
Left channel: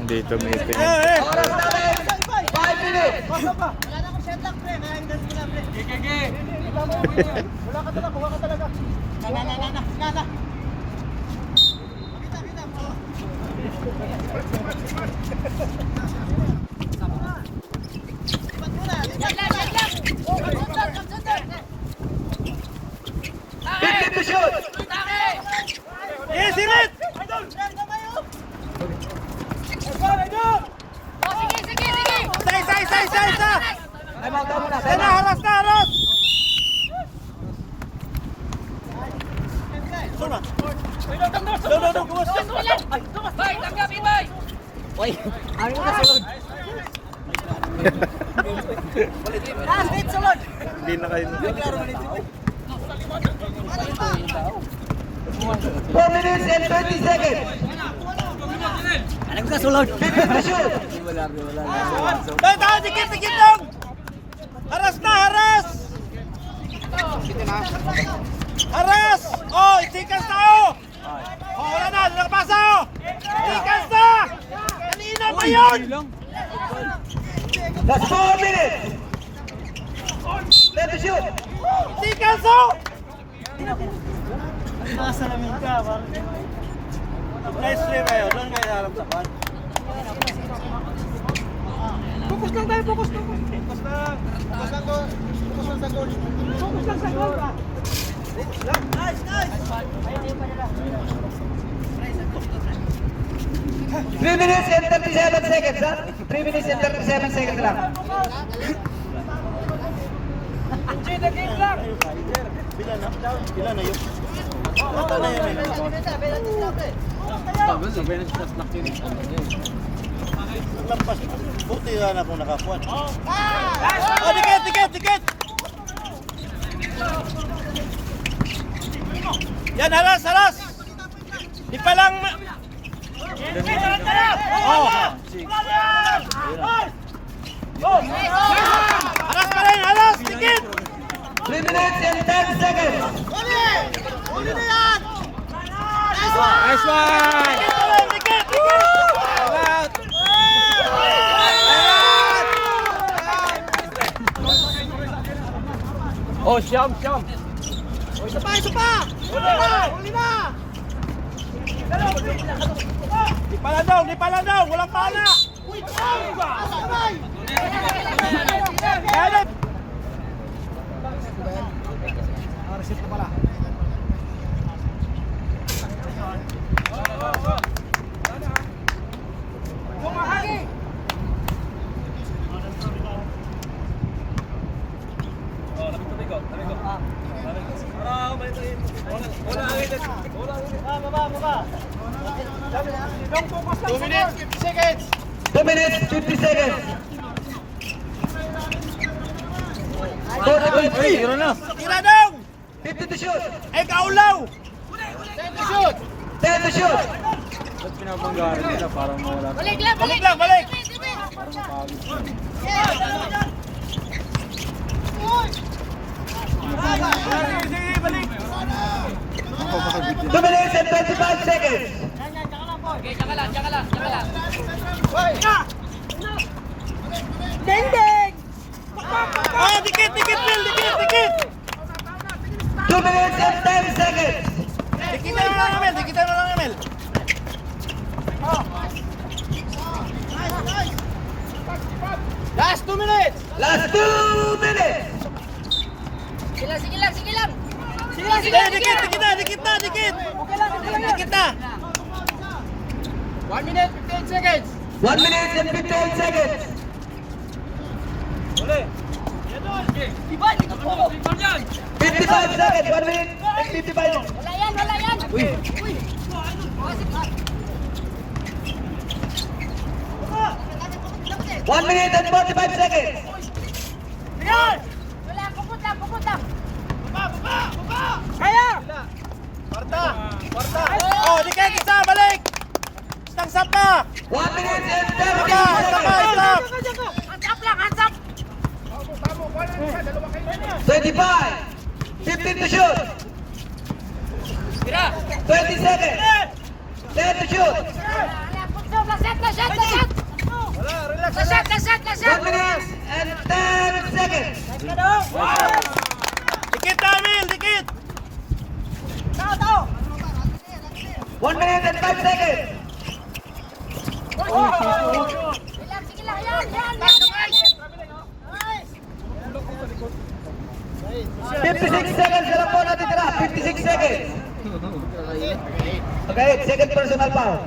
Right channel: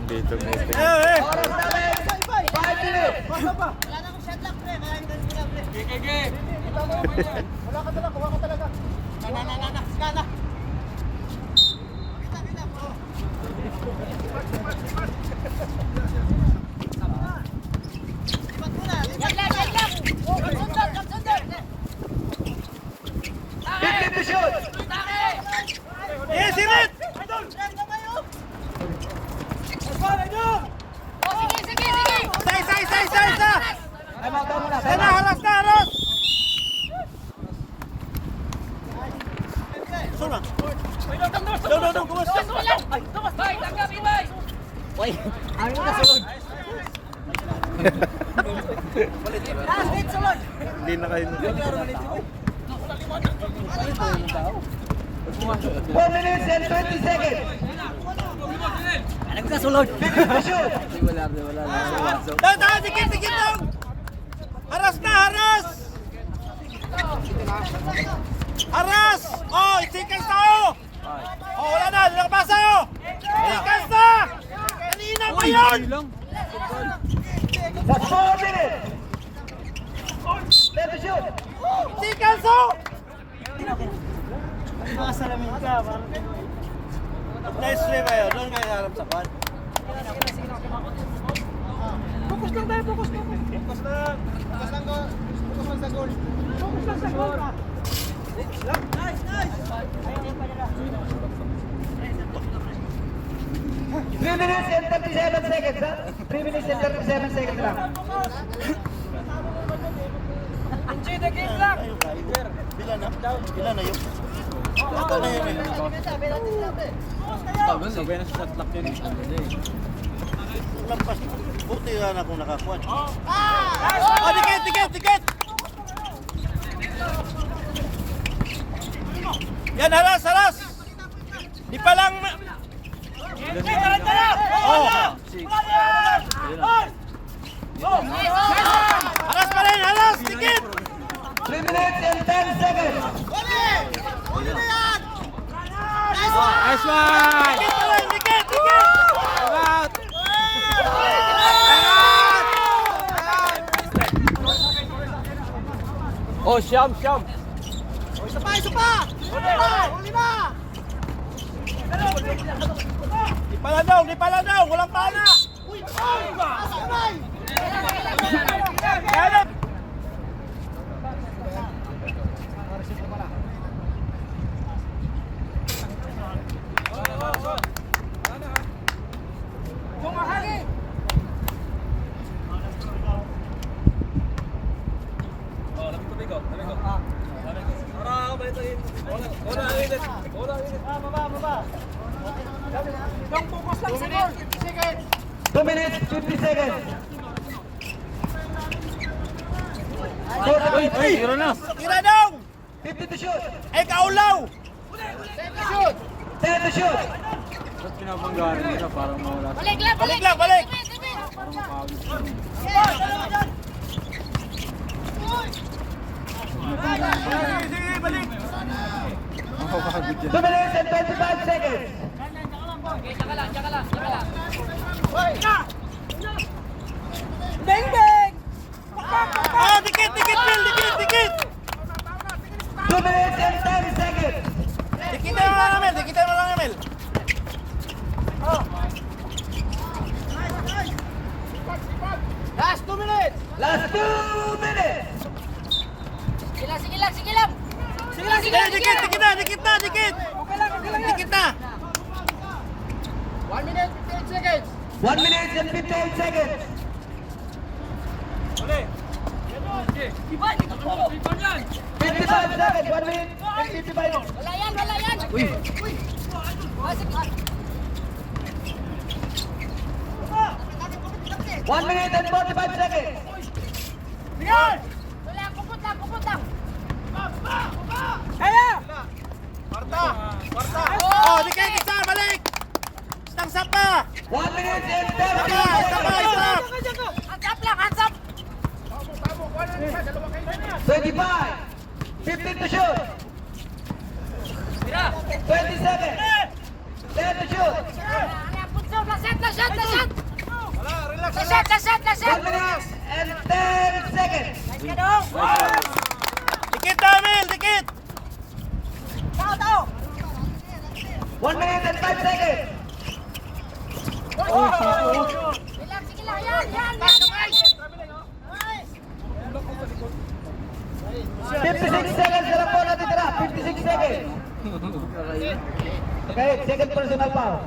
Hindi tumitin. Oras natin, 5 minutes. To shoot. Yes, hit! Isa! Haras! Sona! Dong, kumas! Hindi na kayo. 4 minutes and 20 seconds. Ano ka sulod? 15 to shoot. Tayo, dikit dong! Haras! Oh, itikas na oh! Oh, wala na, lakbasa oh! Itikas na! Kanina ba yun? That's 4 minutes. 10 to shoot. Itikas oh! Nakasalamin ka, parang... Nice play ba yun? Doon kayo harap sa kwan. Focus lang tayo, focus lang. Focus lang sa goal. Focus lang sa goal, ba? Nice! 3 minutes and 37 seconds, ha? 3 minutes and 37 seconds lang. Bila na yun. Lampas. Buti yan ako nakakuan. Oh, dikit! Yan, haras! Di pa lang... Oh! Haras! Dikit! 3 minutes and 10 seconds. Nice one! Dikit! Oh, siyam! Isa pa! Huli na! Di pala daw! Walang pala! Uy! Isip ko pala. Two minutes, 50 seconds. Tira na. Tira dong! 50 to shoot. Ay, kaulaw! 10 to shoot. Ba't pinabanggaan nila? Parang mawala. Balik lang, balik! Two minutes and 25 seconds. Oh, dikit, Phil, dikit! 2 minutes and 10 seconds. Dikitan mo lang, Emil. Last 2 minutes! Last 2 minutes. Sige lang! Dikit na! Dikit na! 1 minute, 15 seconds! 1 minute and 15 seconds. 55 seconds. 1 minute and 55. Wala yan! 1 minute and 45 seconds. Oh, dikit isa, balik! Stang sap na! 1 minute and 30 Stop! seconds. 25. 15 to shoot. 20 seconds. 10 to shoot. 1 minute and 10 seconds. Dikit na, Emil! Dikit! 1 minute and 5 seconds. 56 seconds na lang po natitira. 56 seconds. Okay, second personal foul.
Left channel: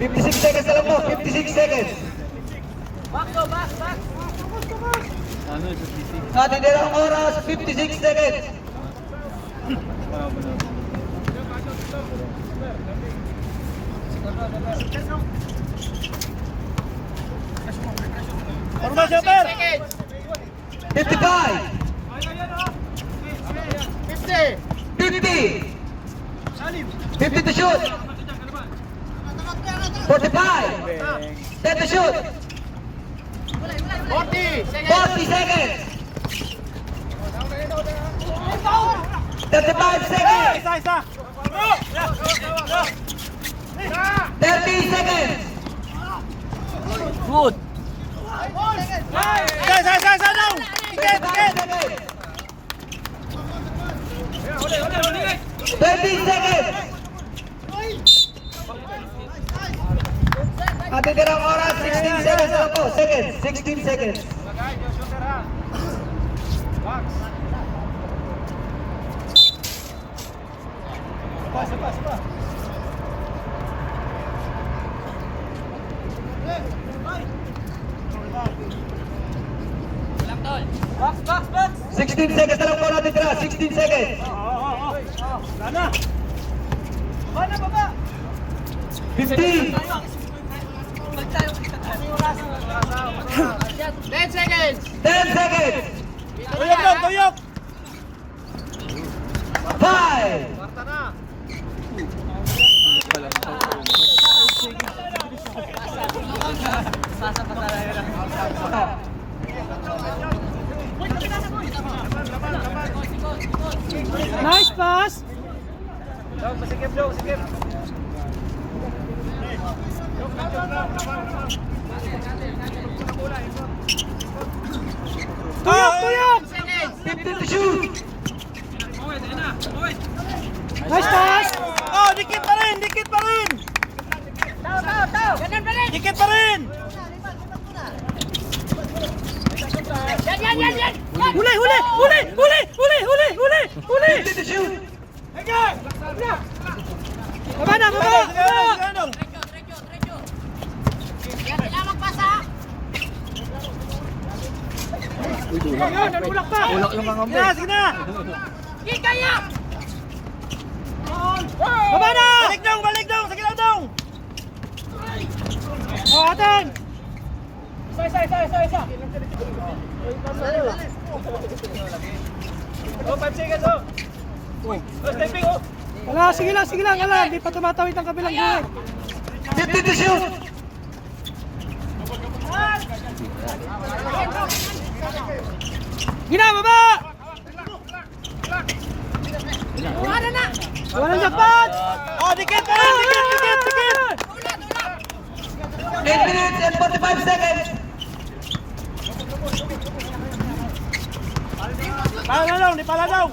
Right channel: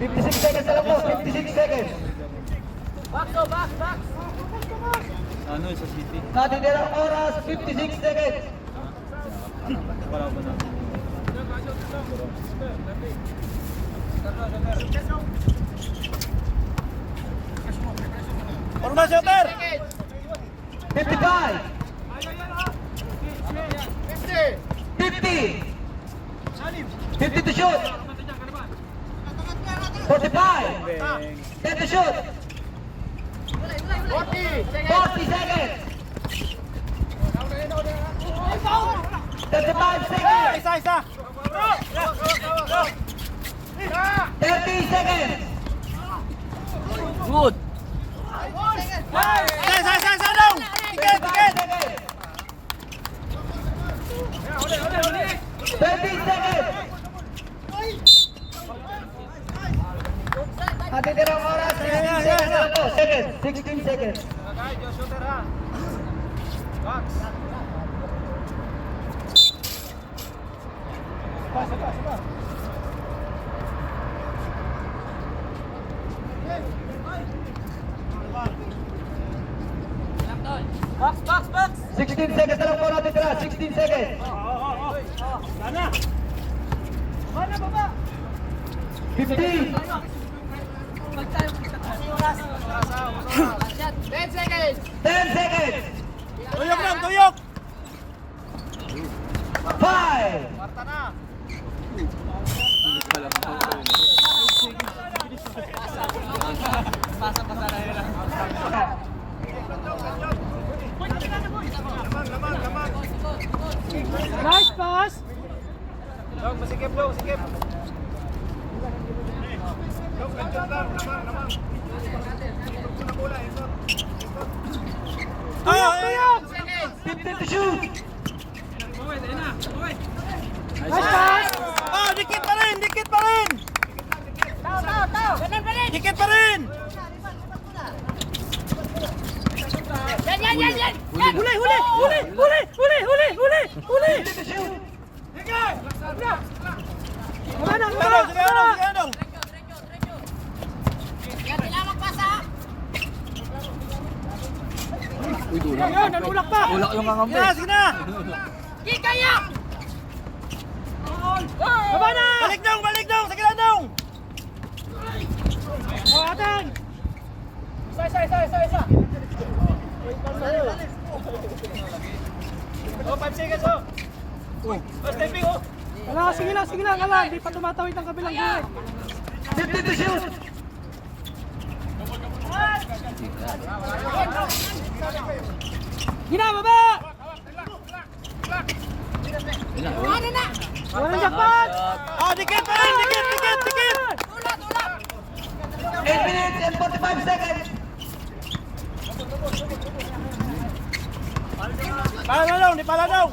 56 seconds na lang po. 56 seconds. Natitirang oras, 56 seconds. Forma shooter! 55. 50. 50 to shoot. 45. 10 to shoot. 40 seconds. 35 seconds. Isa! 30 seconds. Good. Isa daw! Dikit! 30 seconds. Natitirang oras, 16 seconds na po. 16 seconds. Box! 16 seconds na lang po natitira. 16 seconds. Sana! 15. 10 seconds! 10 seconds. Tuyok! 5. Nice pass. Masikip. Tuyok! 15 to shoot. Nice pass. Oh, dikit pa rin! Dikit pa rin! Huli, huli, huli, huli, huli, huli, huli, huli. Baba na, baba, baba. Yan, nagulak pa. Ulak yung kakambay. Sige na! Baba na. Balik dong! Sige na dong! O, atin. Isa. Ala, sige lang, ala. Hindi pa tumatawid ang kabilang gulay. Gina, baba! Wala na jackpot! Oh, dikit pa rin! Dikit! 8 minutes and 45 seconds. Di pala daw!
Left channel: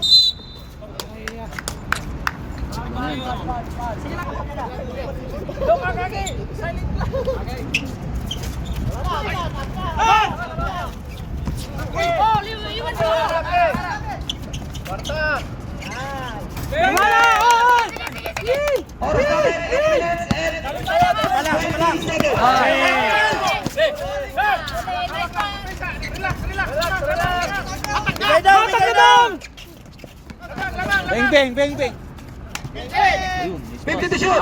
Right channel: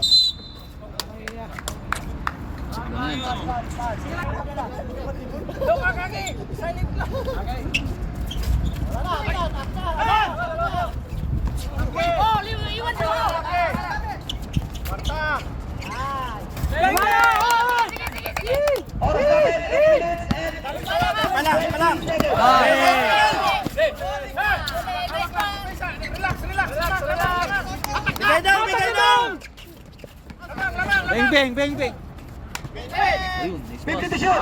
Oras natin, 8 minutes and 20 seconds. Bigay daw! Bang. 50 to shoot.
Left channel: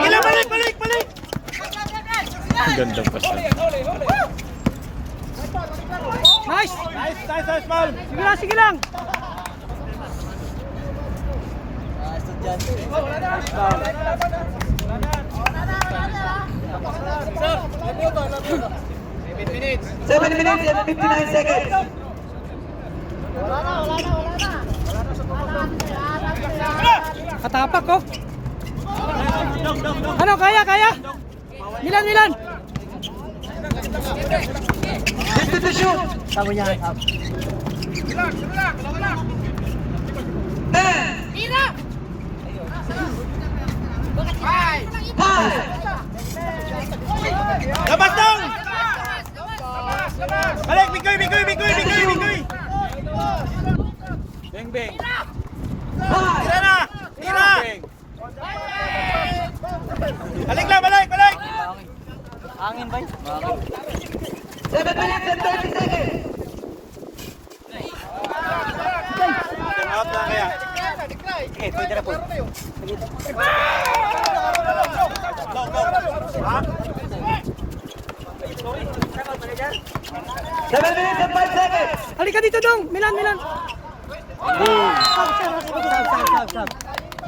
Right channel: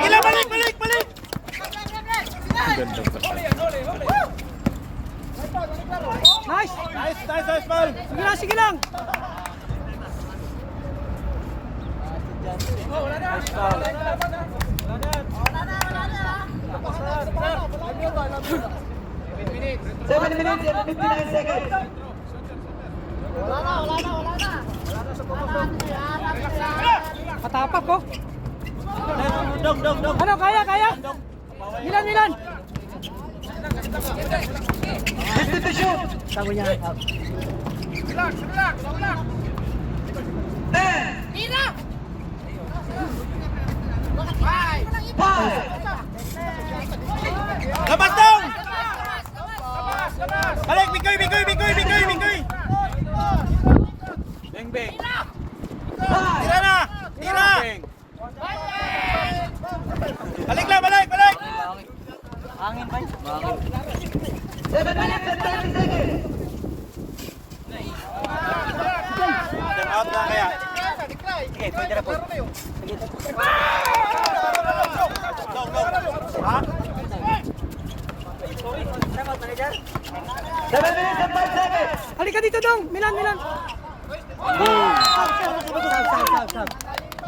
Gila, balik! Ang ganda pa siya. Nice! Nice, foul! Sige lang! 7 minutes and 59 seconds. Katapak ko. Ano, kaya? Milan! 50 to shoot. Sabi niya, 10. Labas dong! Balik! Bigoy! Bang. Tira na! Balik! Angin ba? 7 minutes and 30 seconds. Okay, pwede na po. 7 minutes and 5 seconds. Halika dito dong, Milan.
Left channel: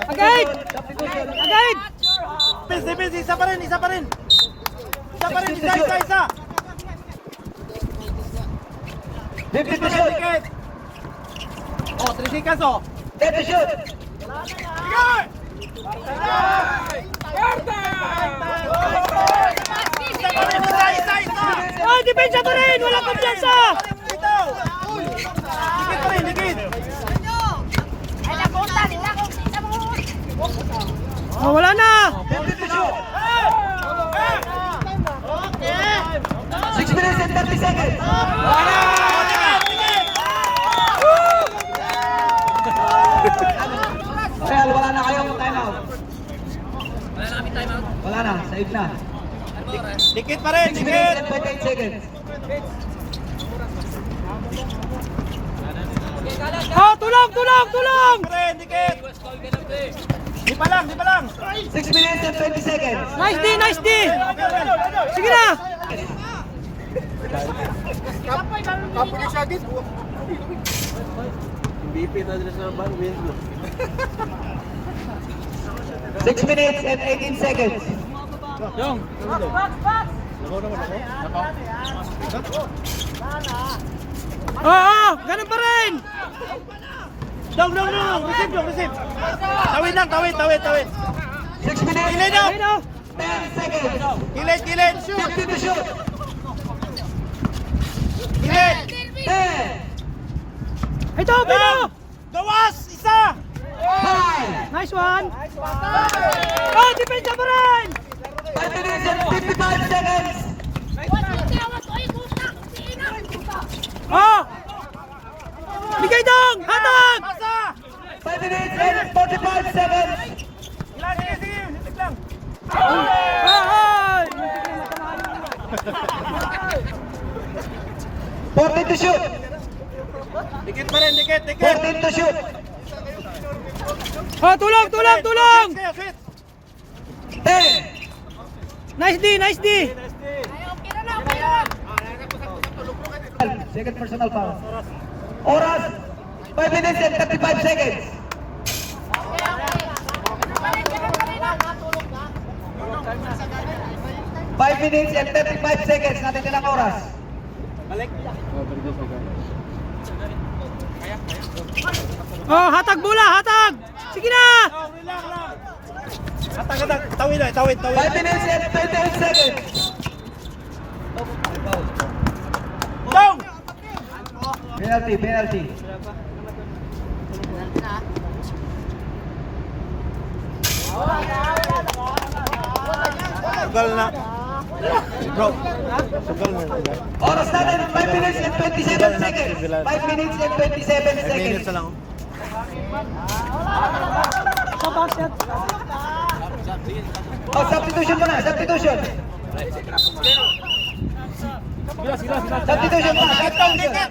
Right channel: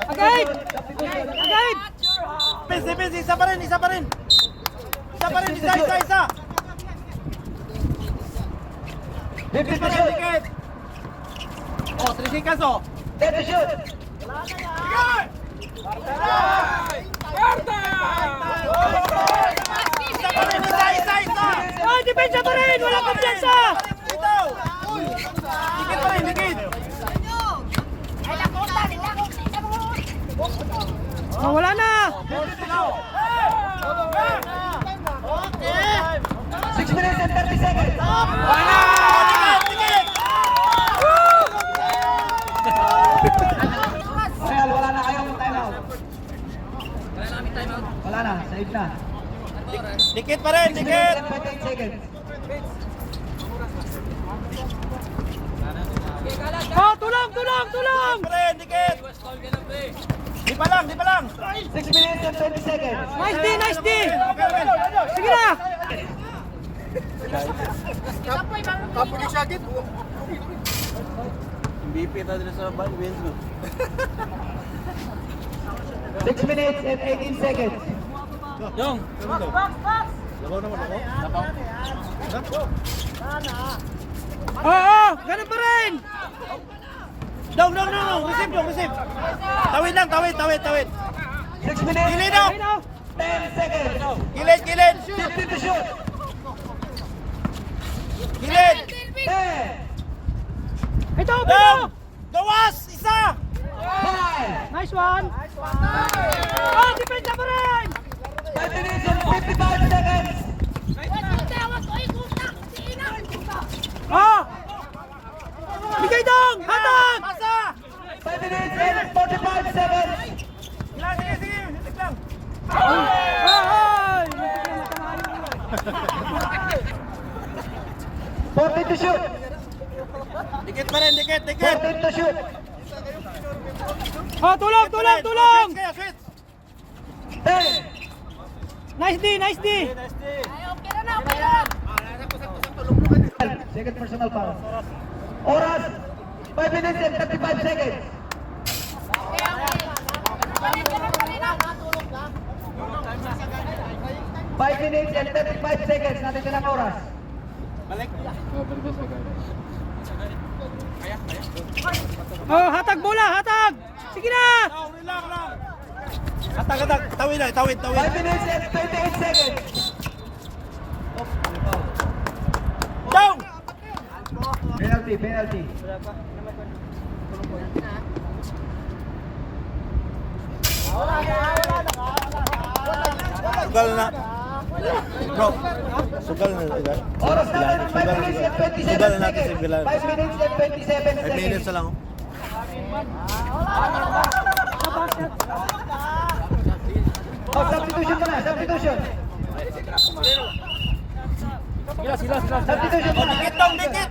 Agad! Pins, isa pa rin! Isa! 50 to shoot. Dikit! Oh, 3 seconds oh! 10 to shoot. Isa! Ay, depensa pa rin! Wala kumpiyansa! Dikit pa rin, dikit! Oh, wala na! 50 to shoot. 6 minutes and 30 seconds. Real, wala na kayong timeout. Wala na, save na. Dikit pa rin, 6 dikit! minutes and 28 seconds. Oh, tulong! Pa rin, dikit! Di pa lang! 6 minutes and 20 seconds. Nice D! Sige na! BP tayo sa ban. 6 minutes and 18 seconds. Oo, ganun pa rin! Dong! Receive! Tawid lang, tawid! 6 minutes Kilid daw! Ayun o! 10 seconds. Kilid! 50 to shoot. Kilid! 10, Ito, Pino! Gawas! Isa! 5, Nice one! Oh, depensa pa rin! 5 minutes and 55 seconds. Oh! Bigay dong! Hatag! 5 minutes and 45 seconds. Ay! Ay! Muntik na matamaan yung ulo. 14 to shoot. Dikit pa rin, dikit. 14 to shoot. Oh, tulong, tulong, tulong! 10. Nice D, nice D! Second personal foul. Oras 5 minutes and 35 seconds. Five minutes and 35 seconds natin nilang oras. Oh, hatag bola, hatag! Sige na! Tawid. 5 minutes and 28 seconds. Down! Penalty. Sugal na. Bro, sugal na. Oras natin 5 minutes and 27 seconds. 5 minutes and 27 seconds. lang. Oh, substitution muna, substitution. Substitution muna, substitution.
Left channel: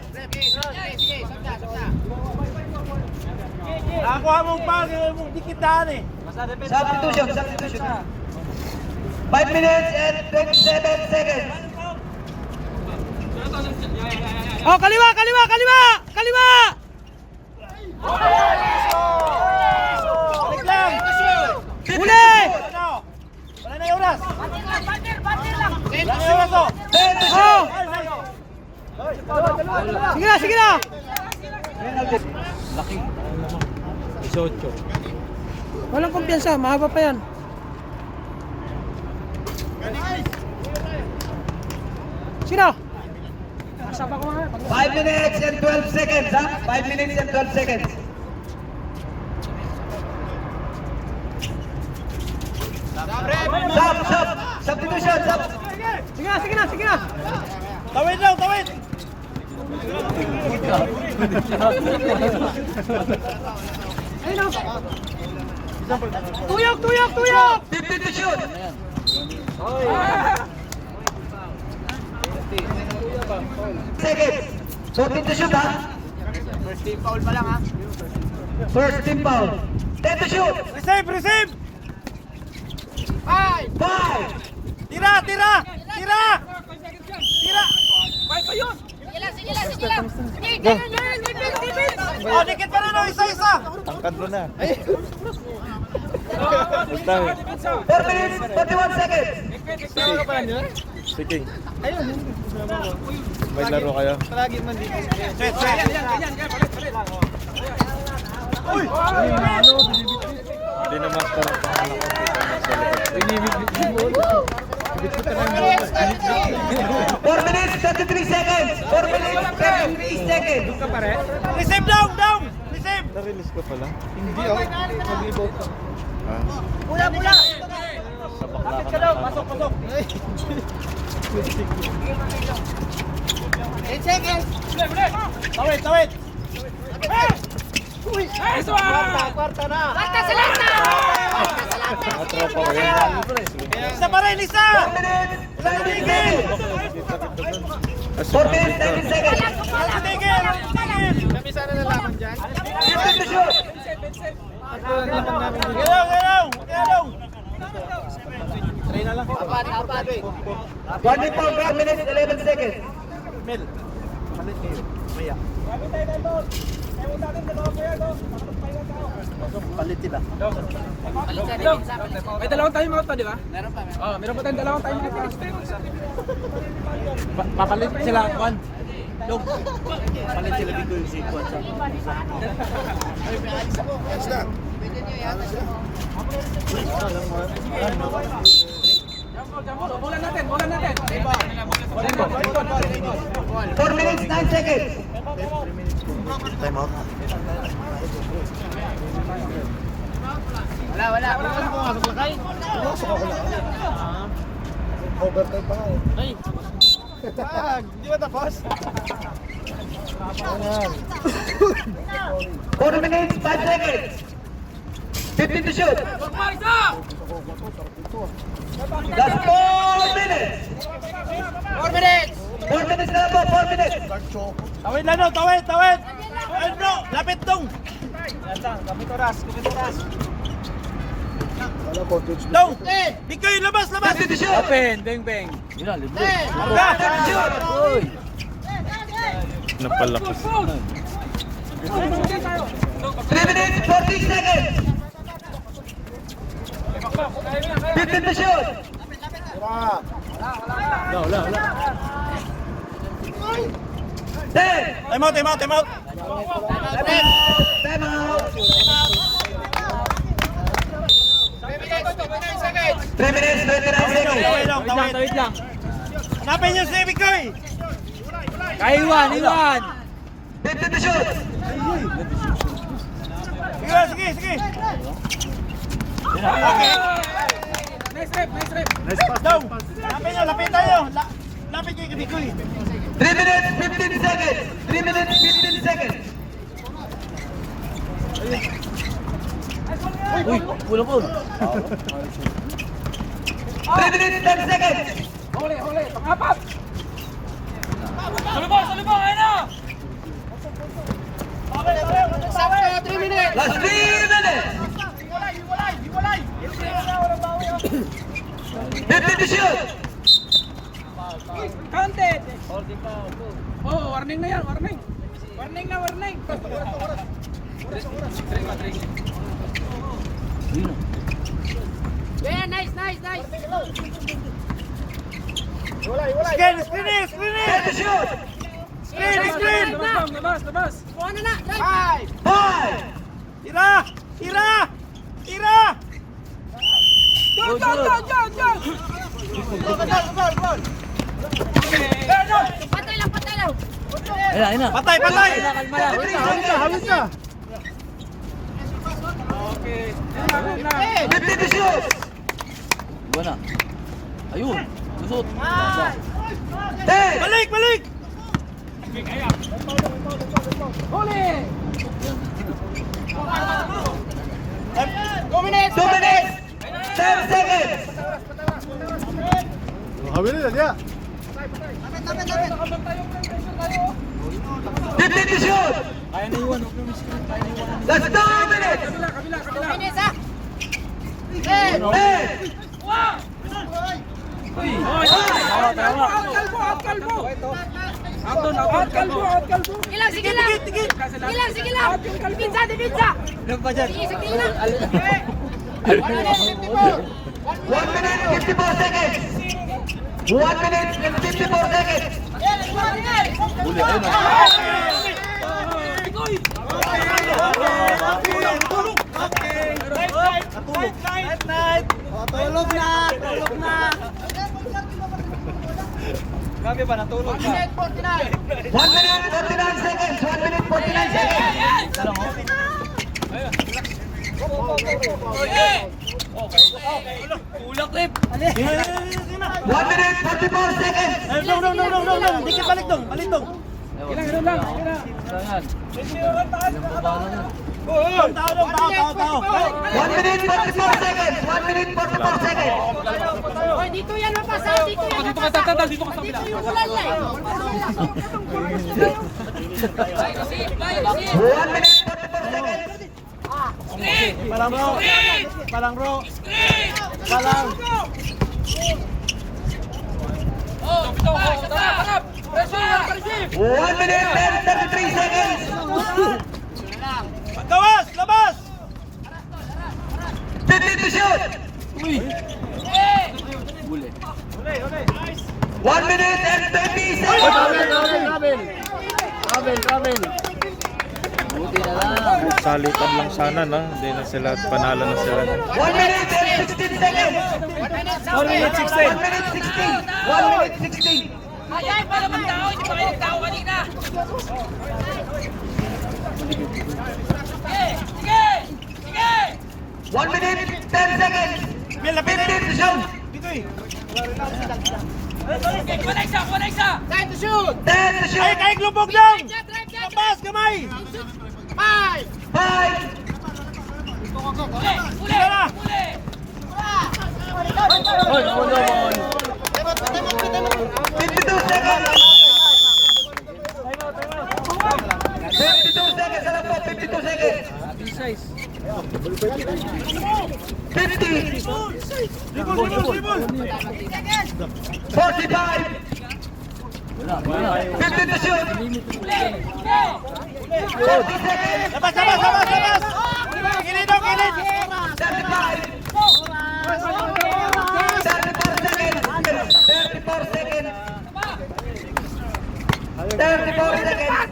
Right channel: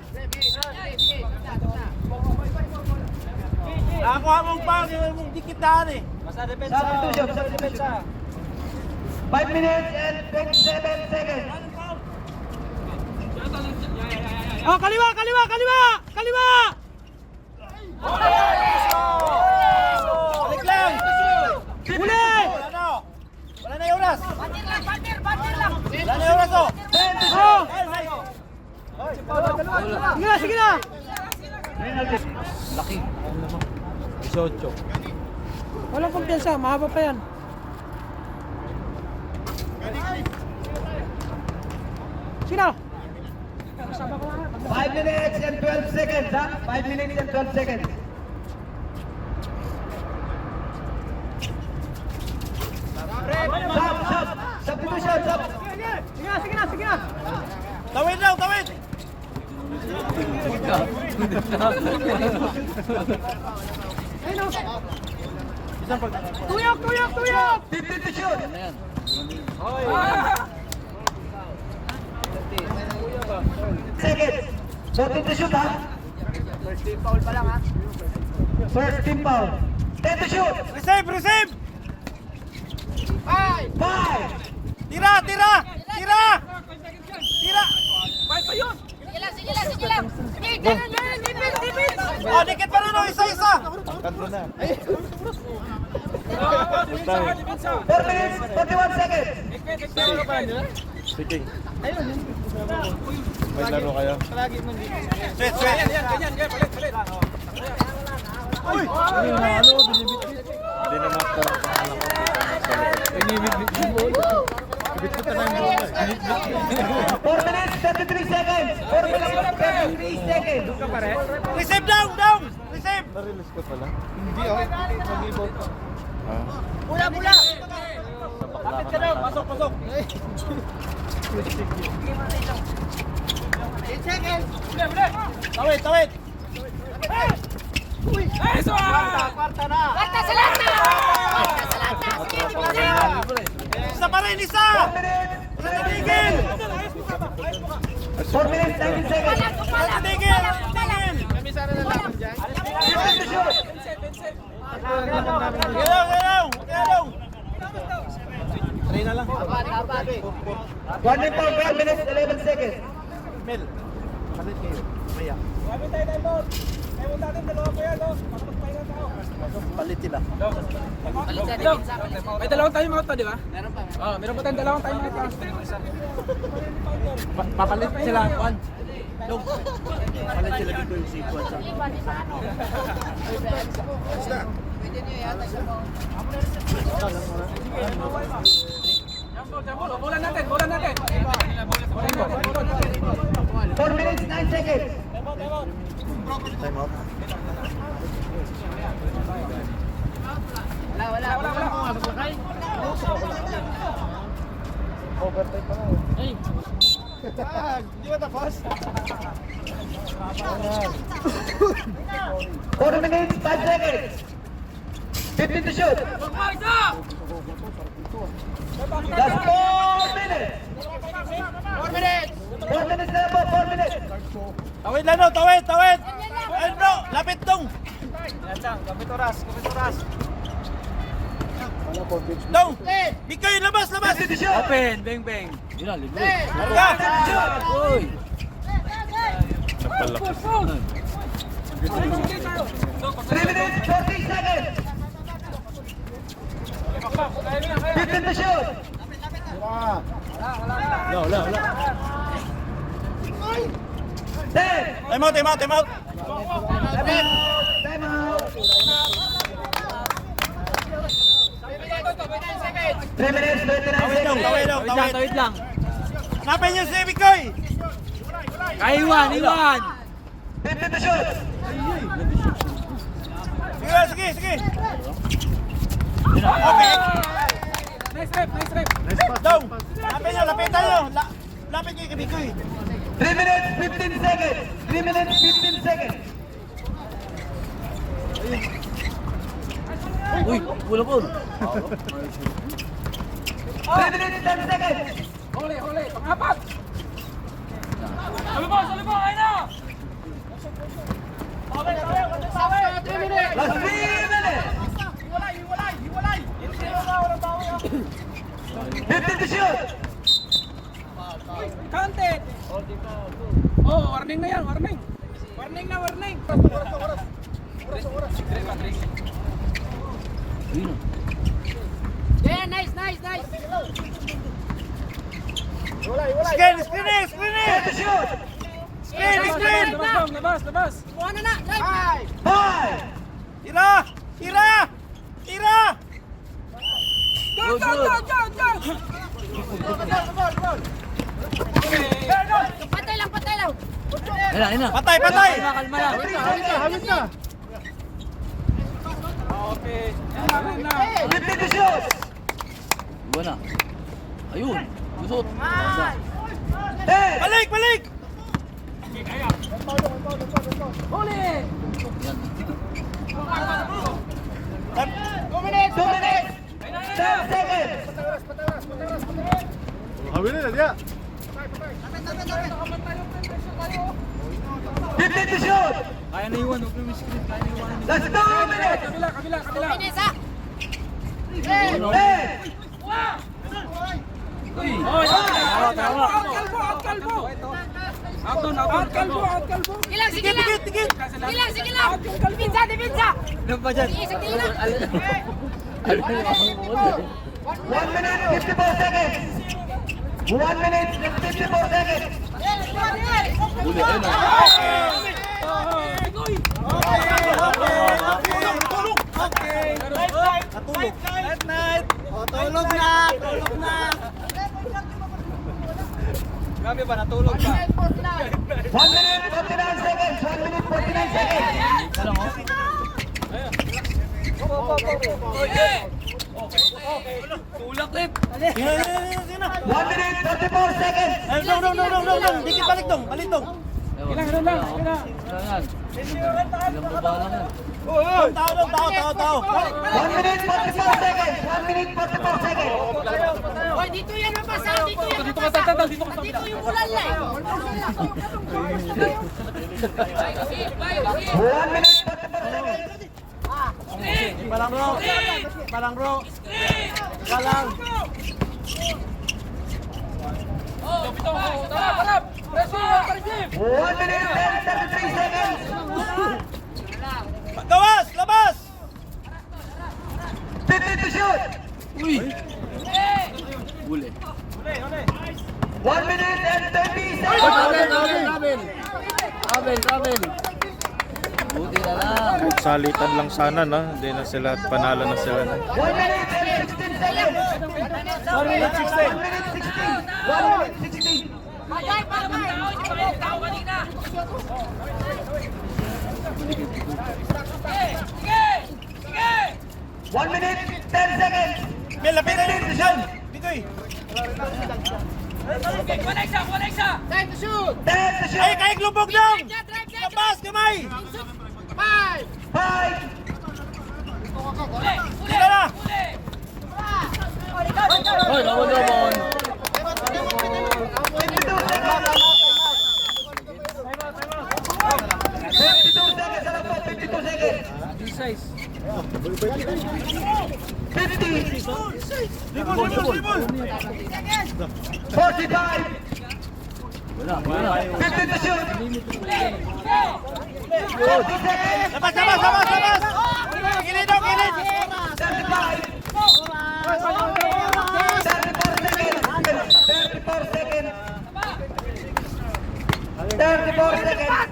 Nakakuha mong pag, mong dikitaan eh. Substitution. 5 minutes and 27 seconds. Oh, kaliwa! Balik lang! Uli! Wala na yung oras! Wala na yung oras oh! 10 to Oh! shoot. Sige na! Penalty. Walang kumpiyansa, mahaba pa yan. Sige na! 5 minutes and 12 seconds, ha? 5 minutes and 12 seconds. Substitution. Sige na! Tawid lang, tawid! Ayun o! Tuyok! 15 to shoot. Seconds. 14 to shoot, ha? First team foul. 10 to shoot. Receive! 5. Tira! Oh, dikit pa rin oh, isa! Tangkad mo na. 4 minutes, 41 seconds. Sige. May laro kayo. Set. Uy! Hindi na master ang pangalan ko. 4 minutes, 33 seconds. 4 minutes, 33 seconds. Receive down! Receive! Na-release ko pala? Hindi oh. Nag-rebound ka. Ha? Mula! Sa bakla ka na. Pasok! 10 seconds. Tawid! Kwarta sa lata! Isa pa rin, isa! 4 minutes, 4 minutes, 19 seconds. Tigil! 15 to shoot. Galaw! 24 minutes, 11 seconds. May dalawang time out pa, di ba? Meron pa. Oh, meron pa tayong dalawang time out. Papalit sila, Juan. Dog. Papalit sila dito yung si Juan. Bulan natin. 4 minutes, 9 seconds. Time out. Wala. Bukan mo nga maglakay. Overtime pa nga eh. Ay. Di ba tapos? 4 minutes, 5 seconds. 15 to shoot. Last 4 minutes. 4 minutes. 4 minutes na po, 4 minutes. Tawid lang no, tawid, tawid. Ay bro, lapit dong. Wala po, pitch. Dong. Bikoy, labas, labas. 15 to shoot. Open, bang bang. Yun na, libre. Shoot. Uy. Napalaki. 3 minutes, 40 seconds. 15 to shoot. Wala. 10. Time out, time out, time out. Time out. 3 minutes, 29 seconds. Tawid lang. Hanapin niyo si Bikoy. Iwan. 15 to shoot. Sige. Okay. Nice rep. Dong. Lapit tayo. Lapit niyo kay Bikoy. 3 minutes, 15 seconds. 3 minutes, 15 seconds. Uy, pula po. 3 minutes, 10 seconds. Huli. Pang-apat. Salubong, ayun na. Last 3 minutes. 15 to shoot. Counted. Oh, warning na yan, warning. Warning. Yeah, nice. Screen. 10 to shoot. Screen. Labas. Ano na? 5. Tira. Good. Patay lang. Ayun na. Patay. Kalma lang. Hawit na. 15 to shoot. Iwan na. Ayun. Lusot. 10. Balik. Huli. 2 minutes, 10 seconds. Hawit na niya. 15 to shoot. Kaya na iwan. Huwag na miskin. Kaya na iwan. Last 2 minutes. Kabila. 10. Tama. Out kalbo. Sige lang. Dipinsa. Ano pa dyan? Sige lang. 1 minute, 54 seconds. 1 minute, 54 seconds. Huli. Ayun na. Tulog na. Grabe ba, natulog na? 1 minute, 49 seconds. 1 minute, 49 seconds. Isa lang, oh. Tulak, Lip. 1 minute, 44 seconds. No. Balik dong. Ilan yan? Ilang baba lang yan. Tao. 1 minute, 44 seconds. 1 minute, 44 seconds. Dito yan mapasa. Dito ka tatal. Dito ka sa Dito yung ulan na 1 minute, 44 seconds. Palang bro. 1 minute, 33 seconds. Gawas, labas. 15 to shoot. Huli. 1 minute and 20 seconds. Travel. Buti na lang. Salitan lang sana na. Hindi na sila, panalo na sila. 1 minute and 16 seconds. 1 minute 16. 1 minute 16. 1 minute 16. Ay, pala bang tao? Hindi pa kayo nagtao kanina. 1 minute, 10 seconds. May lapit na. 15 to shoot. Bikoy. Time to shoot! Ay, kahit lubog lang! Labas, kamay! 5! Sige na! Hoy, bawal na, bawal. 52 seconds! 52 seconds na lang po, 52 seconds! 50! 45! 50 to shoot! 40 seconds! Labas, labas, labas, labas! Kilid o, kilid! 34 seconds. 30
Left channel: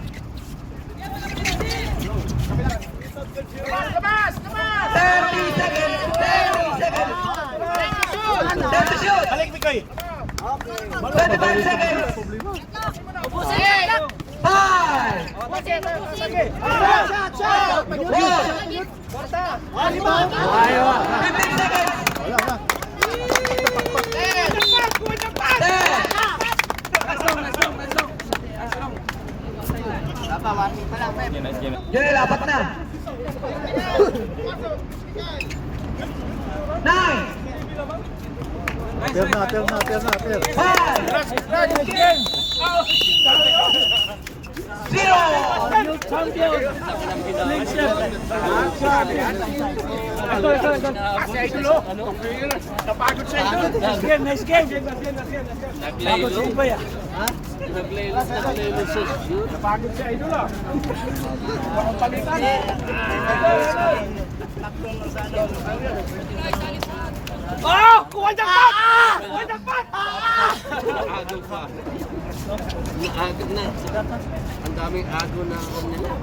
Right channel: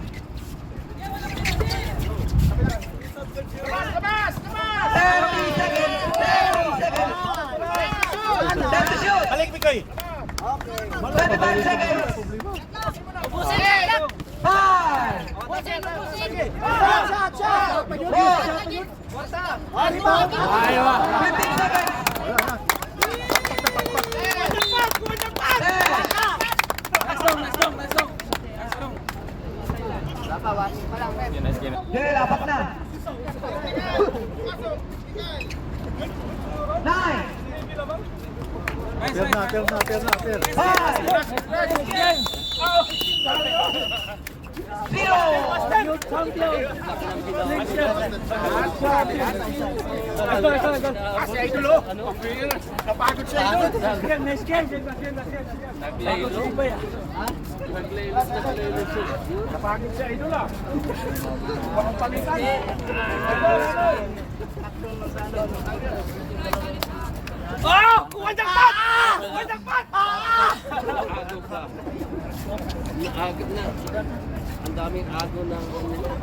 seconds. 30 seconds. Time to shoot. Balik, Mikoy! 25 seconds. 5. 15 seconds. 10. Joel, apat na. 9. Turn na. 0. Nice game. Napagod siya, idol ah. Walang palitan. Oh! Kuha jackpot! Kuha jackpot! Agaw ka. Agad na. Ang daming agaw na nila.